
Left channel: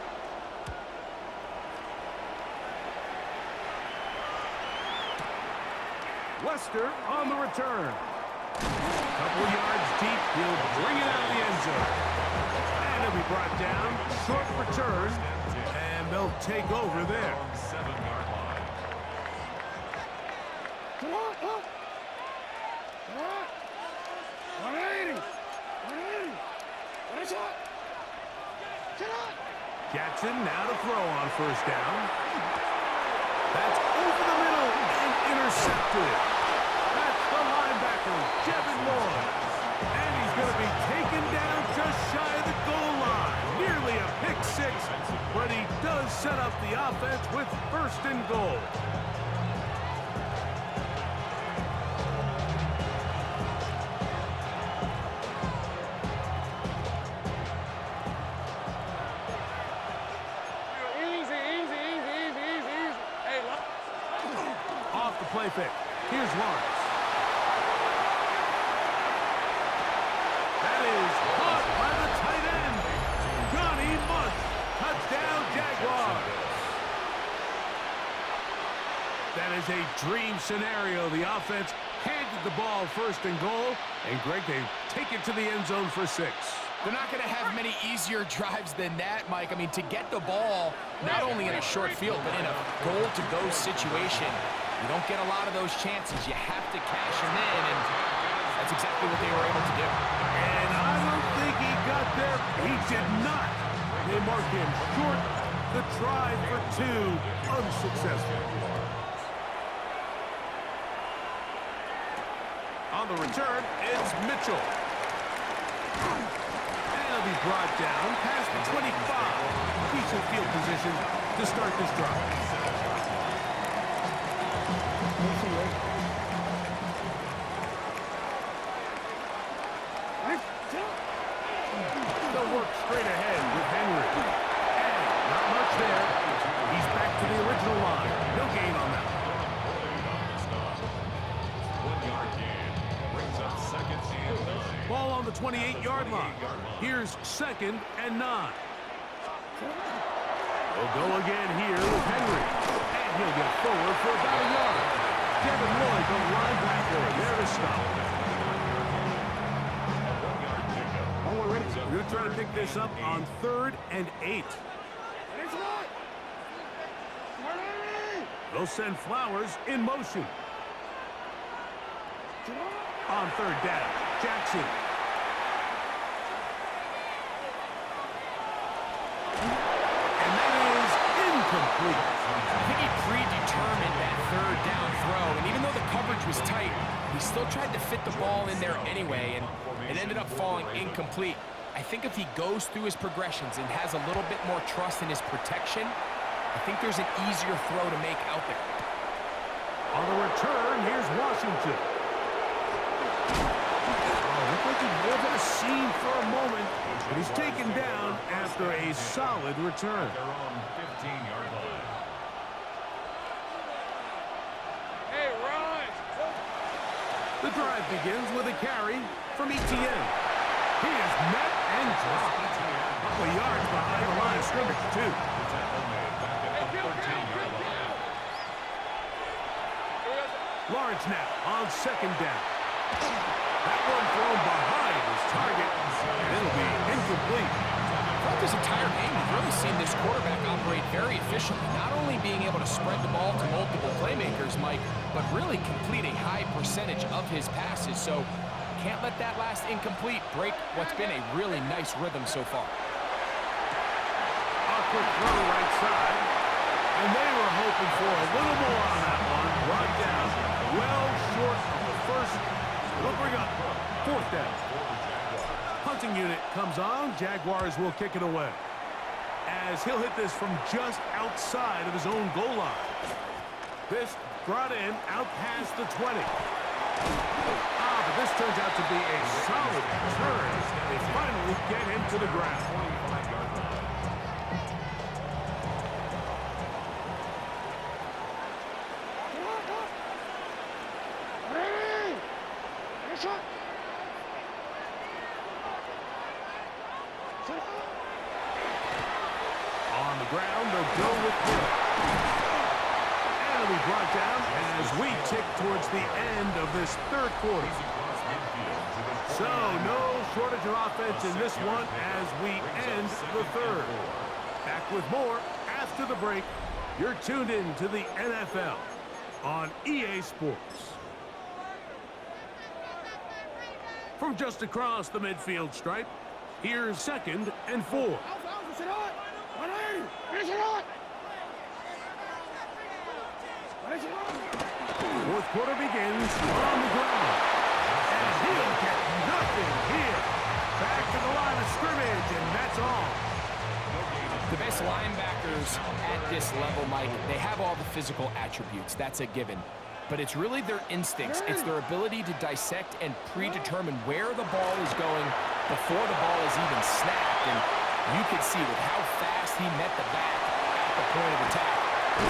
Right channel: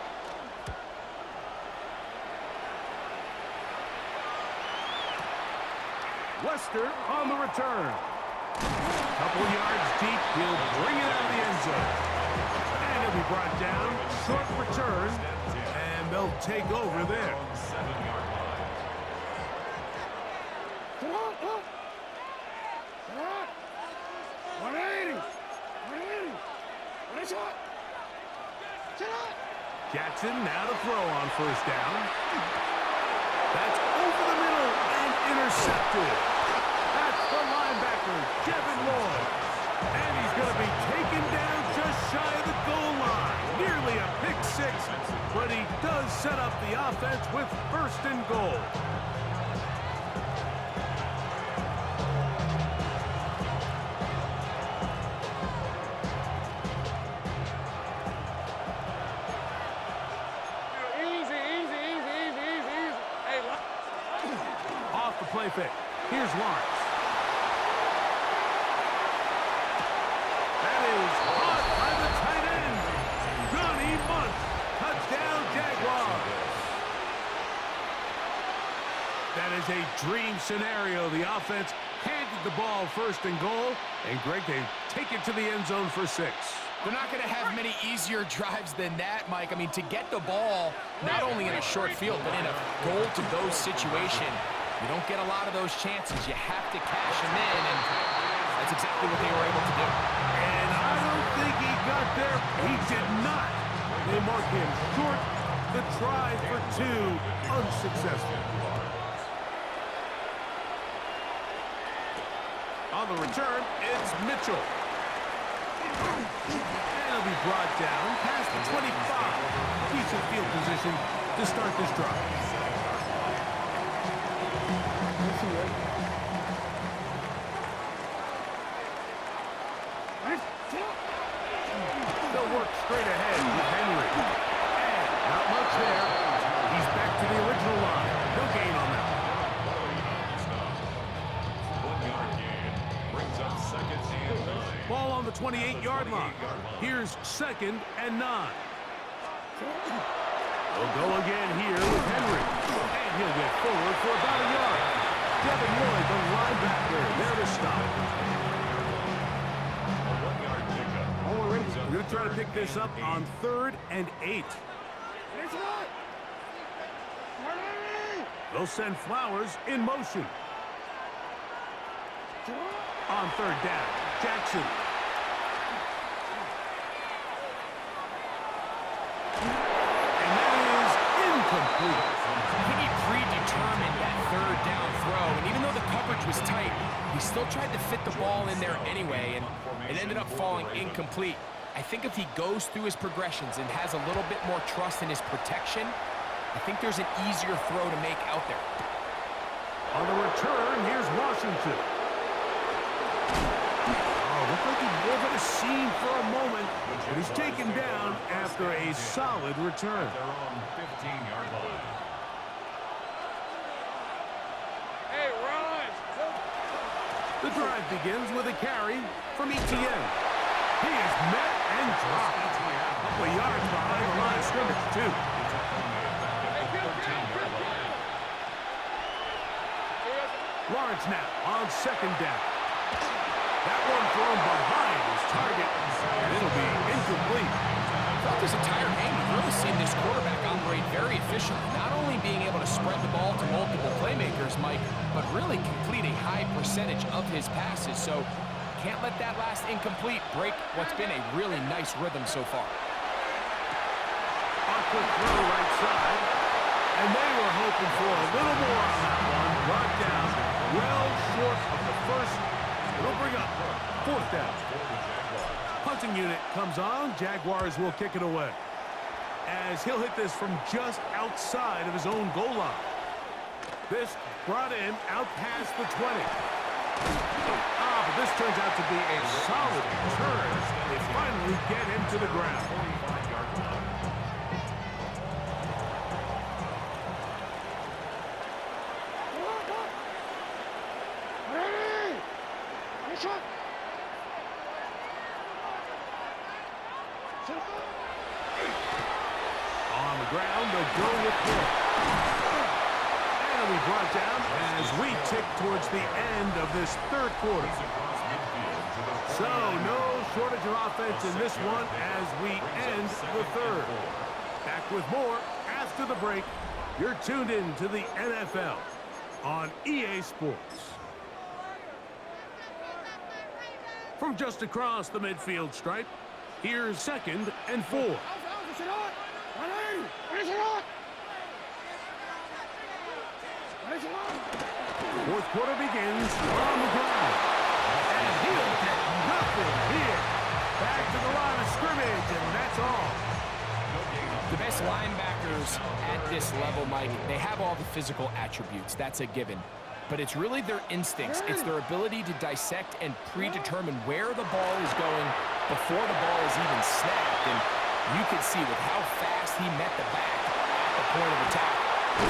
Wester on the return. Couple yards deep, he'll bring it out of the end zone. And he'll be brought down, short return, and they'll take over there. 7-yard line. Come on, up. Come on. 180. 180. What is that? Get up. Jackson now to throw on 1st down. That's over the middle and intercepted. That's the linebacker, Jevin Lloyd. And he's going to be taken down just shy of the goal line. Nearly a pick 6, but he does set up the offense with 1st and goal. Easy. Hey, Off the play fake. Here's Lawrence. that is caught by the tight end, Johnny Munt. Touchdown, Jaguars. That is a dream scenario. The offense handed the ball first and goal, and Greg, they take it to the end zone for 6. They're not going to have many easier drives than that, Mike. I mean, to get the ball, not only in a short field, but in a goal-to-go situation, you don't get a lot of those chances. You have to cash them in, and that's exactly what they were able to do. And I don't think he got there. He did not. They mark him short. The try for 2, unsuccessful. On the return, it's Mitchell. And he'll be brought down past the 25. Decent field position to start this drive. They'll work straight ahead with Henry. And not much there. He's back to the original line. No gain on that one. 1 yard gain. Brings up 2nd and 9. Ball on the 28-yard line. Here's 2nd and 9. They'll go again here with Henry. And he'll get forward for about a yard. Devin Lloyd, the linebacker, there to stop. A 1-yard pickup. We're going to try to pick this up on 3rd and 8. They'll send Flowers in motion. On 3rd down, Jackson. And that is incomplete. I think he predetermined that 3rd down throw, and even though the coverage was tight, he still tried to fit the ball in there anyway, and it ended up falling incomplete. I think if he goes through his progressions and has a little bit more trust in his protection, I think there's an easier throw to make out there. On the return, here's Washington. Looked like he may have had a seam for a moment, but he's taken down after a solid return. They're on 15-yard line. Hey, run! The drive begins with a carry from Etienne. He is met and dropped. A couple of yards behind the line of scrimmage, too. The tackle made back at the 13-yard line. Lawrence now on 2nd down. That one thrown behind his target, and it'll be incomplete. Throughout this entire game, we've really seen this quarterback operate very efficiently, not only being able to spread the ball to multiple playmakers, Mike, but really complete a high percentage of his passes. So can't let that last incomplete break what's been a really nice rhythm so far. A quick throw right side, and they were hoping for a little more on that one. Brought down well short of the first. It'll bring up 4th down. Punting unit comes on. Jaguars will kick it away, as he'll hit this from just outside of his own goal line. This brought in out past the 20. But this turns out to be a solid turn. They finally get him to the ground. 45-yard line. On the ground, they'll go with Hill. And it'll be brought down as we tick towards the end of this 3rd quarter. So, no shortage of offense in this one as we end the 3rd. Back with more after the break. You're tuned in to the NFL on EA Sports. From just across the midfield stripe, here's 2nd and 4. 4th quarter begins on the ground. And he'll get nothing here. Back to the line of scrimmage, and that's all. The best linebackers at this level, Mike, they have all the physical attributes. That's a given. But it's really their instincts. It's their ability to dissect and predetermine where the ball is going before the ball is even snapped. And you could see with how fast he met the back at the point of attack,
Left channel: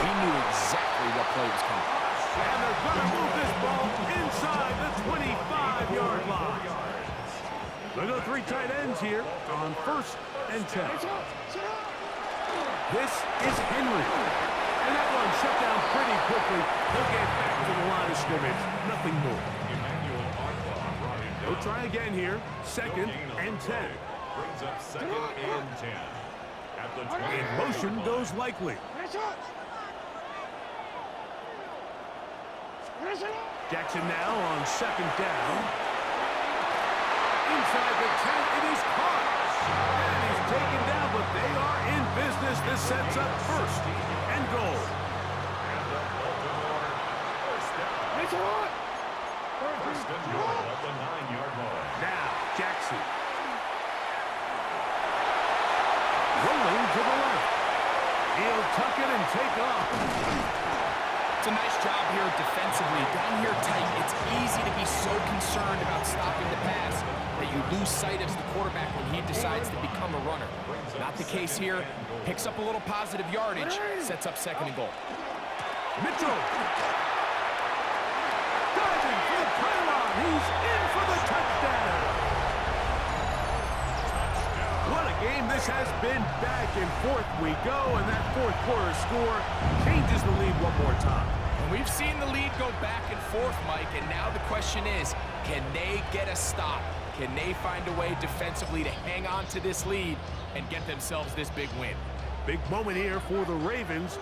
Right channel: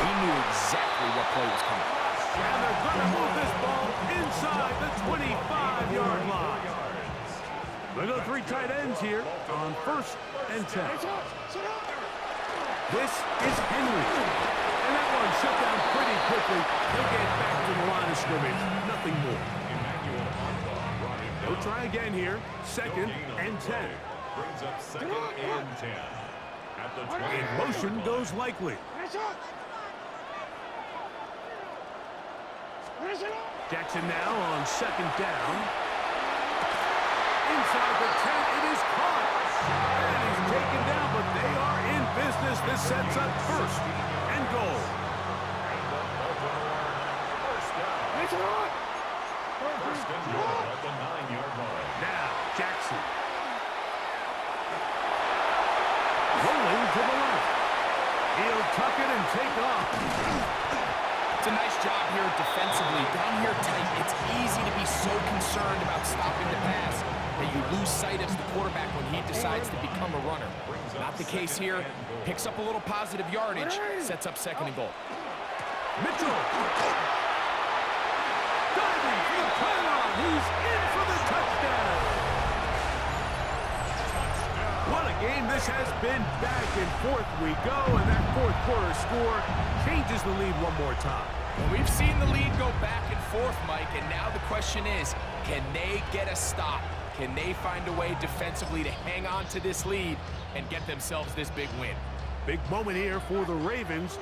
he knew exactly what play was coming. And they're going to move this ball inside the 25-yard line. They go 3 tight ends here on 1st and 10. This is Henry. And that one shut down pretty quickly. They'll get back to the line of scrimmage. Nothing more. They'll try again here. 2nd and 10. Brings up 2nd and 10. At the 20. In motion goes likely. Jackson now on 2nd down. Inside the 10, it is caught. And he's taken down, but they are in business. This sets up 1st and goal. And the Baltimore 1st down. 1st and goal at the 9-yard line. Now, Jackson. Rolling to the left. He'll tuck it and take off. It's a nice job here defensively. Down here tight, it's easy to be so concerned about stopping the pass that you lose sight of the quarterback when he decides to become a runner. Not the case here. Picks up a little positive yardage, sets up 2nd and goal. Mitchell. Diving for the pylon. He's in for the touchdown. What a game this has been. Back and forth we go, and that 4th quarter score changes the lead one more time. And we've seen the lead go back and forth, Mike, and now the question is, can they get a stop? Can they find a way defensively to hang on to this lead and get themselves this big win? Big moment here for the Ravens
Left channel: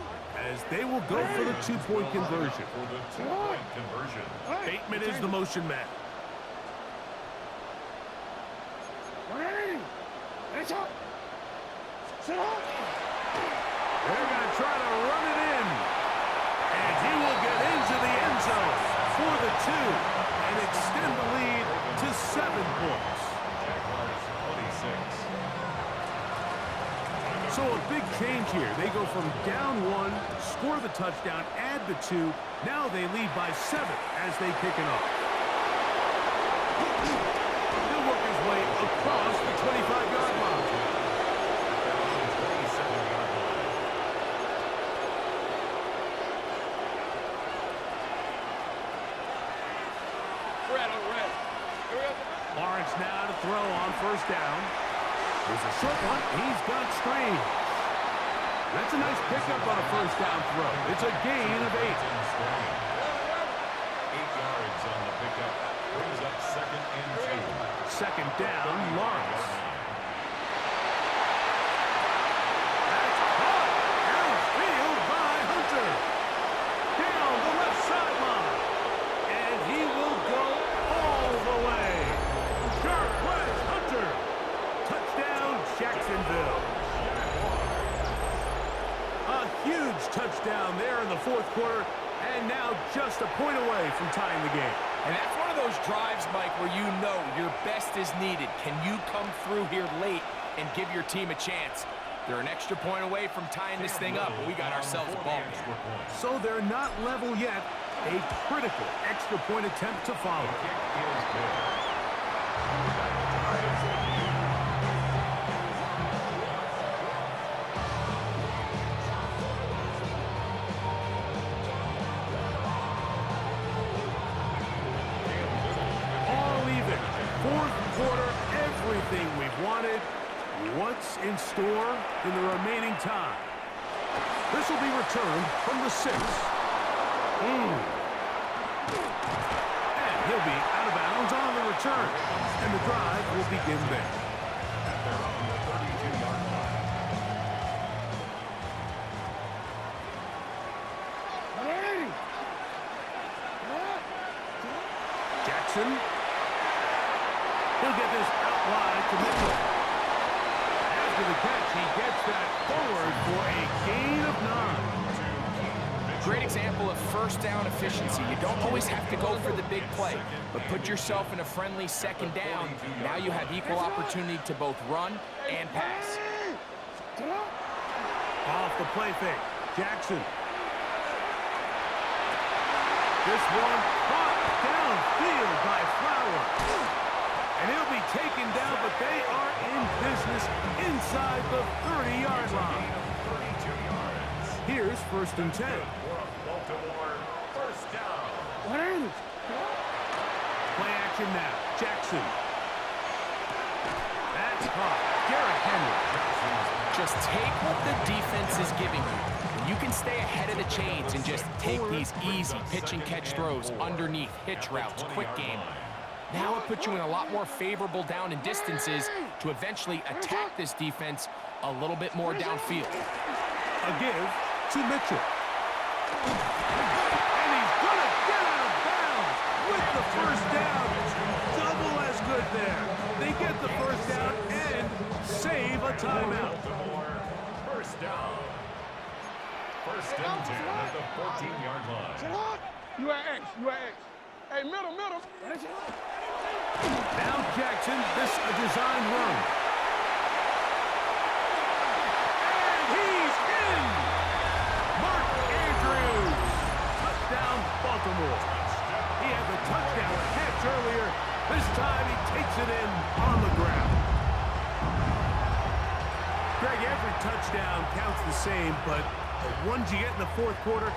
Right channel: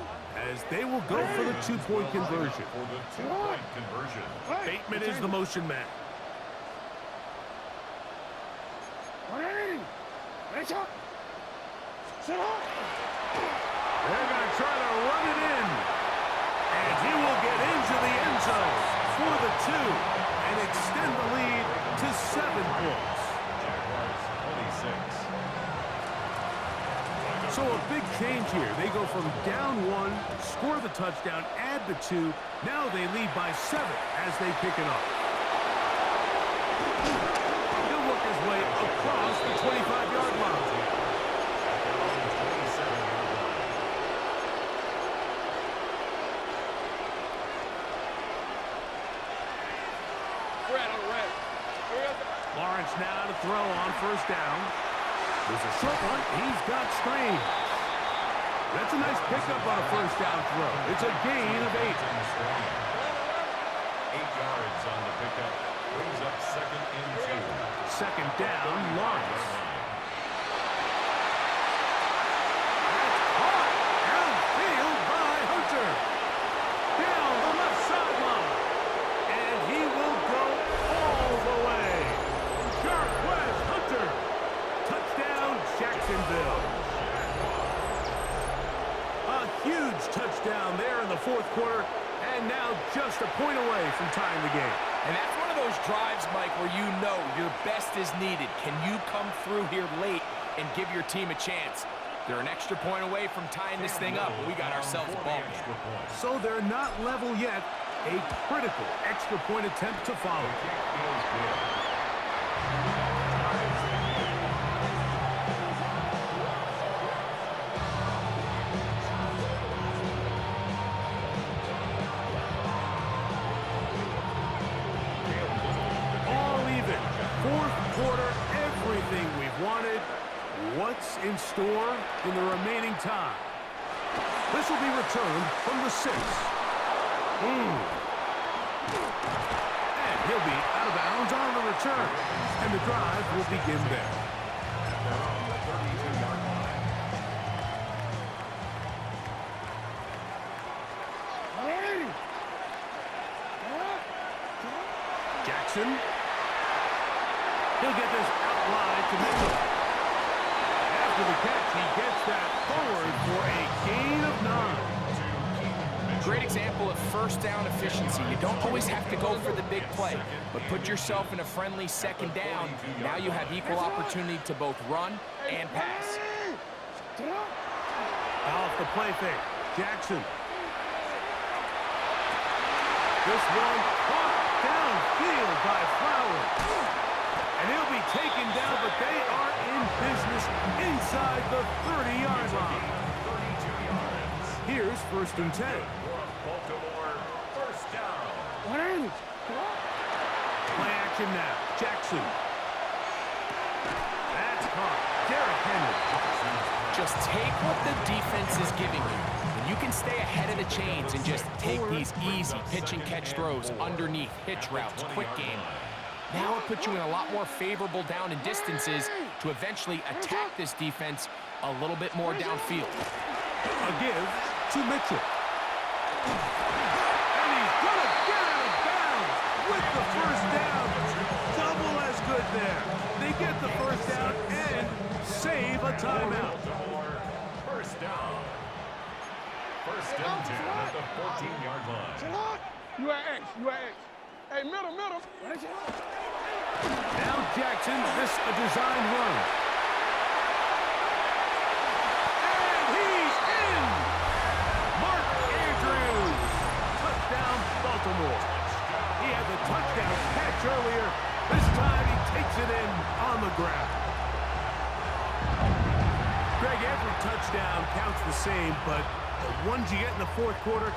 as they will go for the 2-point conversion. For the 2-point conversion. Bateman is the motion man. They're going to try to run it in. And he will get into the end zone for the 2 and extend the lead to 7 points. Jaguars 26. So a big change here. They go from down 1, score the touchdown, add the 2. Now they lead by 7 as they kick it off. He'll work his way across the 25-yard line. At their own 27-yard line. Lawrence now to throw on 1st down. There's a short one. He's got Strange. That's a nice pickup on a 1st down throw. It's a gain of 8. 8 yards on the pickup. Brings up 2nd and 2. 2nd down, Lawrence. That's caught downfield by Hunter. Down the left sideline. And he will go all the way. Jarquez Hunter. Touchdown, Jacksonville. A huge touchdown there in the 4th quarter, and now just a point away from tying the game. And that's one of those drives, Mike, where you know your best is needed. Can you come through here late and give your team a chance? They're an extra point away from tying this thing up, and we got ourselves a ball game. So they're not level yet. A critical extra point attempt to follow. Kick is good. That ties the game. All even. 4th quarter, everything we've wanted. What's in store in the remaining time? This will be returned from the 6. And he'll be out of bounds on the return. And the drive will begin there. At their own 32-yard line. Jackson. He'll get this out wide to Mitchell. After the catch, he gets that forward for a gain of 9. Great example of 1st down efficiency. You don't always have to go for the big play, but put yourself in a friendly 2nd down. Now you have equal opportunity to both run and pass. Off the play fake. Jackson. This one caught downfield by Flowers. And he'll be taken down, but they are in business inside the 30-yard line. 32 yards. Here's 1st and 10. Baltimore 1st down. Play action now. Jackson. caught. Derrick Henry. Just take what the defense is giving you. When you can stay ahead of the chains and just take these easy pitch and catch throws underneath, hitch routes, quick game, now it puts you in a lot more favorable down and distances to eventually attack this defense a little bit more downfield. A give to Mitchell. And he's going to get out of bounds with the first down. Double as good there. They get the first down and save a timeout. First down. First and 10 at the 14-yard line. You at X. You at X. Hey, middle. Now Jackson, this a designed run. And he's in! Mark Andrews. Touchdown, Baltimore. He had the touchdown catch earlier. This time he takes it in on the ground. Greg, every touchdown counts the same, but the ones you get in the fourth quarter,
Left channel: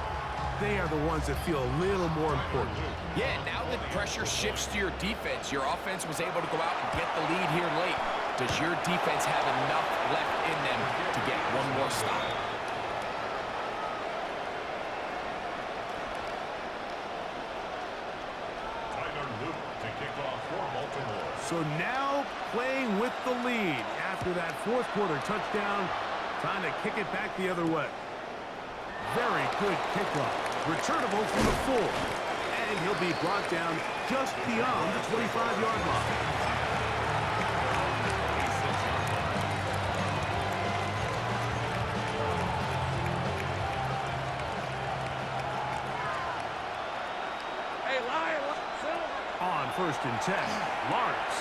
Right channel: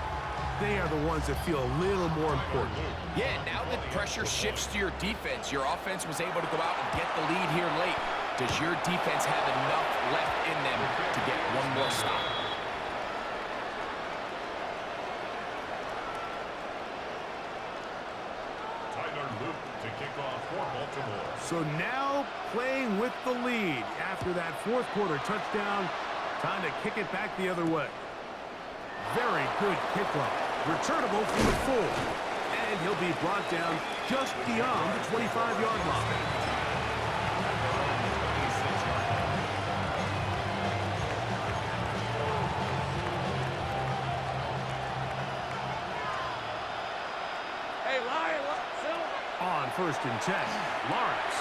they are the ones that feel a little more important. Yeah, now that pressure shifts to your defense, your offense was able to go out and get the lead here late. Does your defense have enough left in them to get one more stop? To kick off for Baltimore. So now playing with the lead after that fourth quarter touchdown, trying to kick it back the other way. Very good kickoff. Returnable from the 4. And he'll be brought down just beyond the 25-yard line. At their own 26-yard line. Hey, Lion. On first and 10, Lawrence.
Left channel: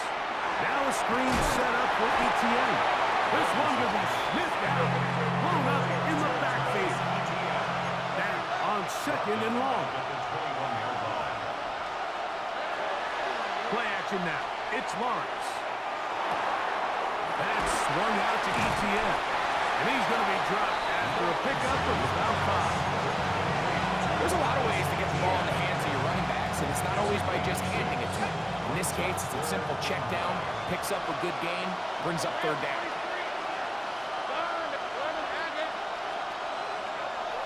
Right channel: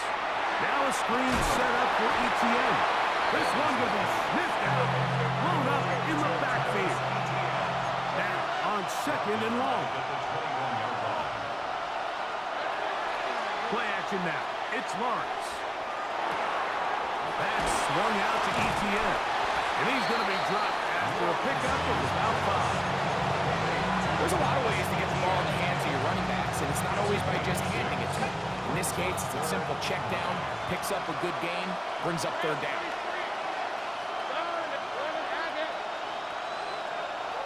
Now a screen set up for Etienne. This one going to be sniffed out, blown up in the backfield. Now on second and long. Play action now. It's Lawrence. That's swung out to Etienne. And he's going to be dropped after a pickup of about 5. There's a lot of ways to get the ball in the hands of your running backs, and it's not always by just handing it to them. In this case, it's a simple check down, picks up a good gain, brings up third down.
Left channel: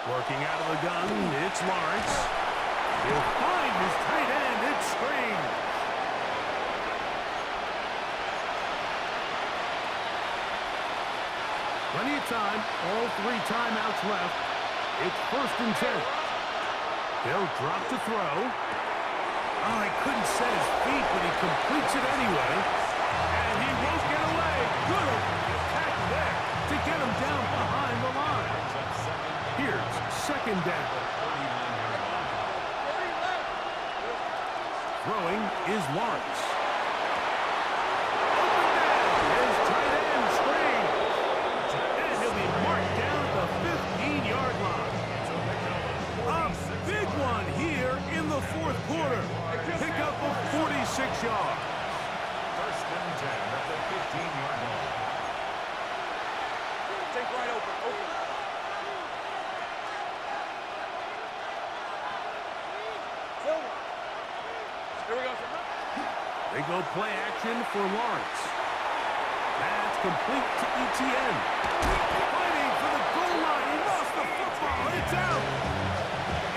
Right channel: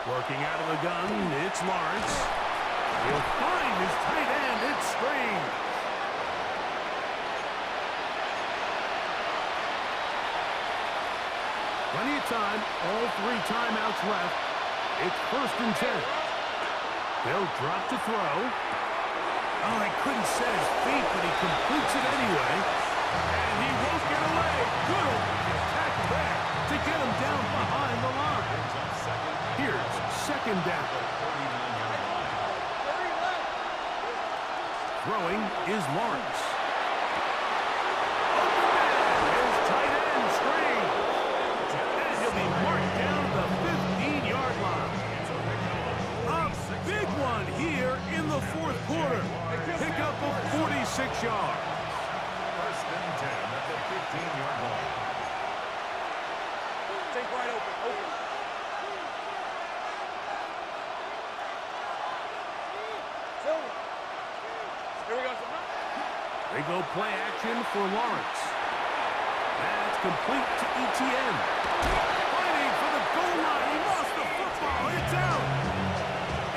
Working out of the gun, it's Lawrence. He'll find his tight end. It's Strange. Plenty of time. All 3 timeouts left. It's first and 10. They'll drop to throw. Oh, he couldn't set his feet, but he completes it anyway. And he won't get away. Good open tackle there to get him down behind the line. Here's second down. Throwing is Lawrence. Open man, his tight end Strange. And he'll be marked down at the 15-yard line. A big one here in the fourth quarter. Pickup of 46 yards. First and 10 at the 15-yard line. Take right open. Silver. Here we go. They go play action for Lawrence. That's complete to Etienne. Fighting for the goal line. He lost the football. It's out.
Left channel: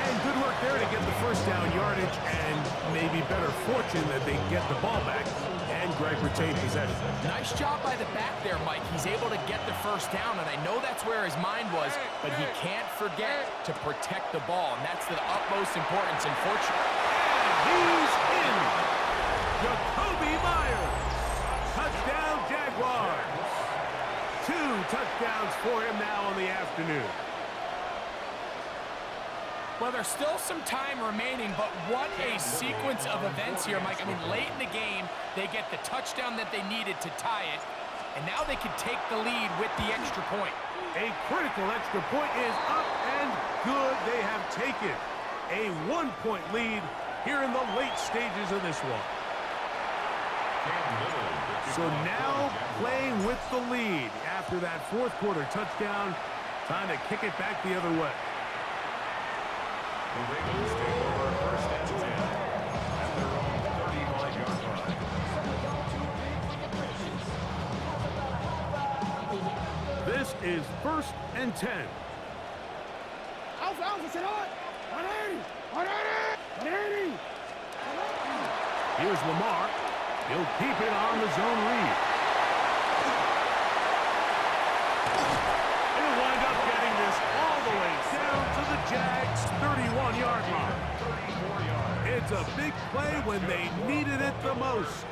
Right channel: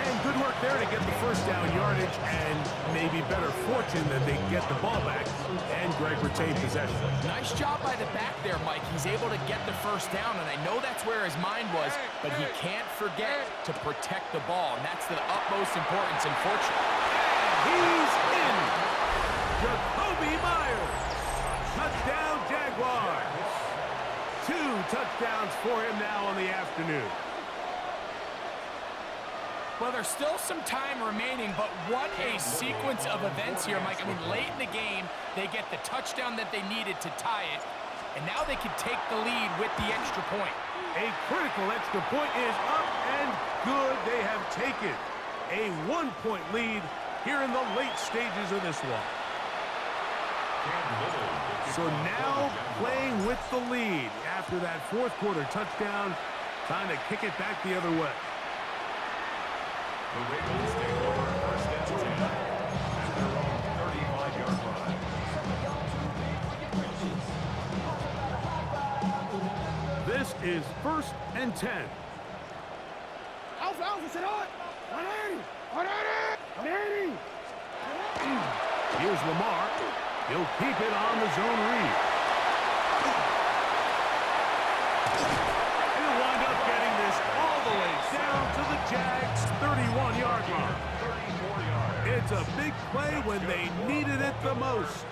And good work there to get the first down yardage, and maybe better fortune that they get the ball back, and Greg retained possession. Nice job by the back there, Mike. He's able to get the first down, and I know that's where his mind was, but he can't forget to protect the ball, and that's the utmost importance, unfortunately. And he's in. Jacoby Myers. Touchdown, Jaguars. 2 touchdowns for him now on the afternoon. Well, there's still some time remaining, but what a sequence of events here, Mike. I mean, late in the game, they get the touchdown that they needed to tie it, and now they can take the lead with the extra point. A critical extra point is up and good. They have taken a 1-point lead here in the late stages of this one. So now playing with the lead after that fourth quarter touchdown, time to kick it back the other way. The Ravens take over first and 10 at their own 35-yard line. is 1st and 10. Alpha, Alpha, sit on! 180! 180! 180! Here's Lamar. He'll keep it on the zone read. He'll wind up getting this all the way down to the Jags' 31-yard line. 34 yards. It's a big play when they needed it the most.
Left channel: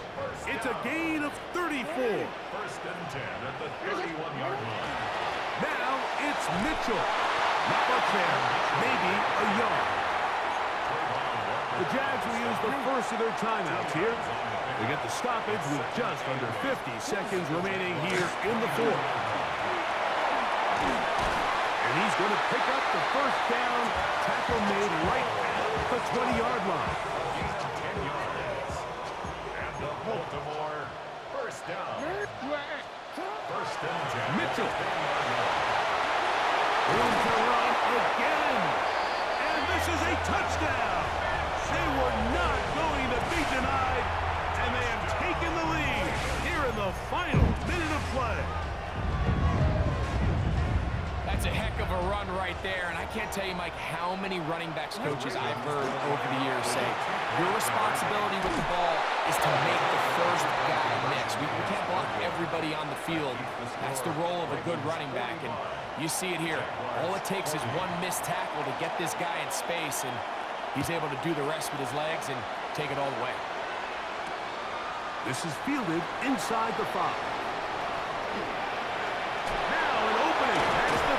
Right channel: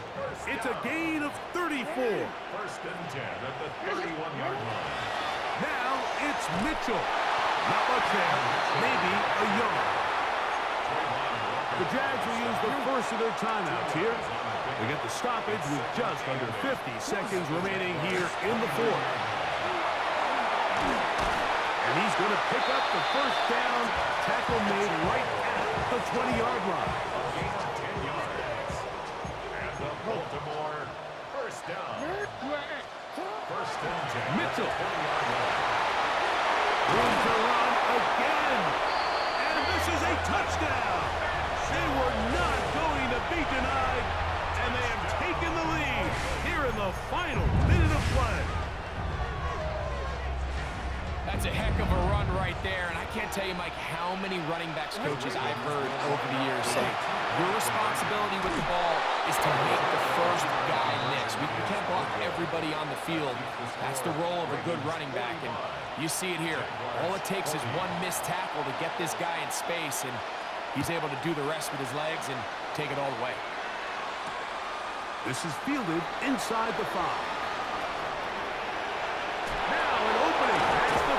It's a gain of 34. 1st and 10 at the 31-yard line. Now it's Mitchell. Not much there, maybe a yard. The Jags will use the first of their timeouts here. They get the stoppage with just under 50 seconds remaining here in the 4th. And he's going to pick up the first down. Tackle made right at the 20-yard line. A gain of 10 yards. And the Baltimore first down. 1st and 10. Mitchell. 20-yard line. Room to run again. And this is a touchdown. They were not going to be denied, and they have taken the lead here in the final minute of play. That's a heck of a run right there, and I can't tell you, Mike, how many running backs coaches I've heard over the years say, your responsibility with the ball is to make the first guy miss. We can't block everybody on the field. That's the role of a good running back, and you see it here. All it takes is one missed tackle to get this guy in space, and he's able to do the rest with his legs and take it all the way. This is fielded inside the 5. Now an opening past the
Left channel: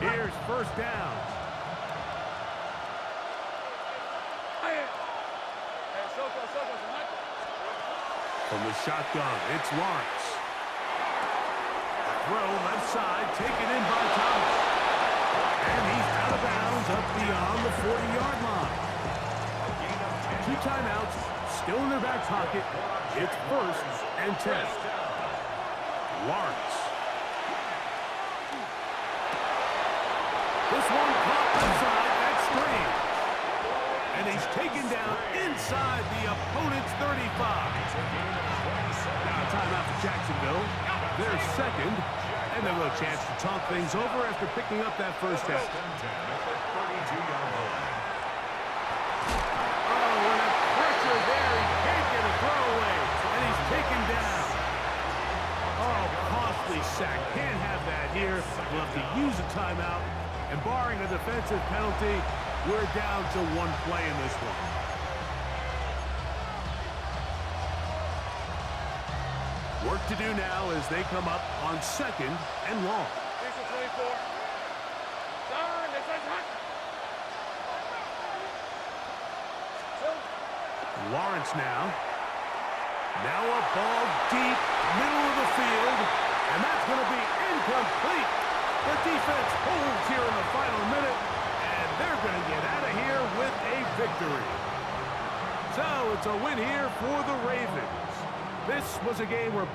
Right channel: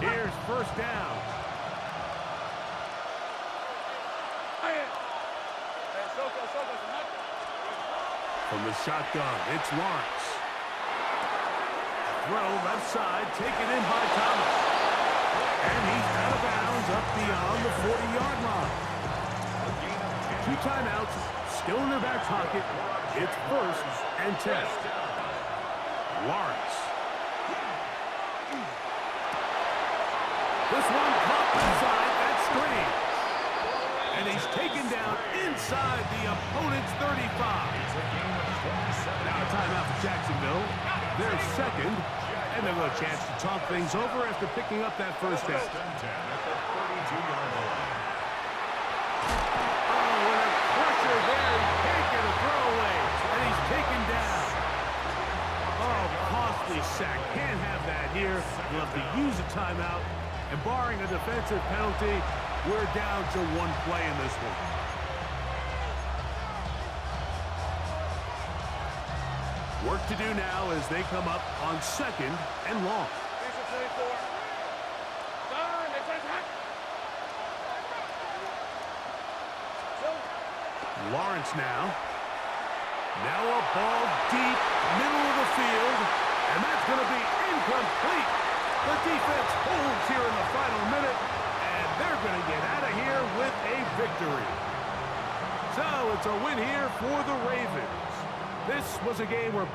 30. Here's 1st down. From the shotgun, it's Lawrence. Throw left side, taken in by Thomas. And he's out of bounds up beyond the 40-yard line. 2 timeouts, still in their back pocket. It's 1st and 10. Lawrence. This one caught left side, that's Strange. And he's taken down inside the opponent's 35. Now a timeout for Jacksonville. Their 2nd, and they'll have a chance to talk things over after picking up that first down. 1st and 10 at the 32-yard line. Oh, and a pressure there. He can't get a throwaway, and he's taken down. Oh, costly sack. Can't have that here. We'll have to use a timeout, and barring a defensive penalty, we're down to 1 play in this one. Work to do now as they come up on 2nd and long. Lawrence now. Now a ball deep, middle of the field, and that's going to be incomplete. The defense holds here in the final minute, and they're going to get out of here with a victory. So it's a win here for the Ravens. This was a game where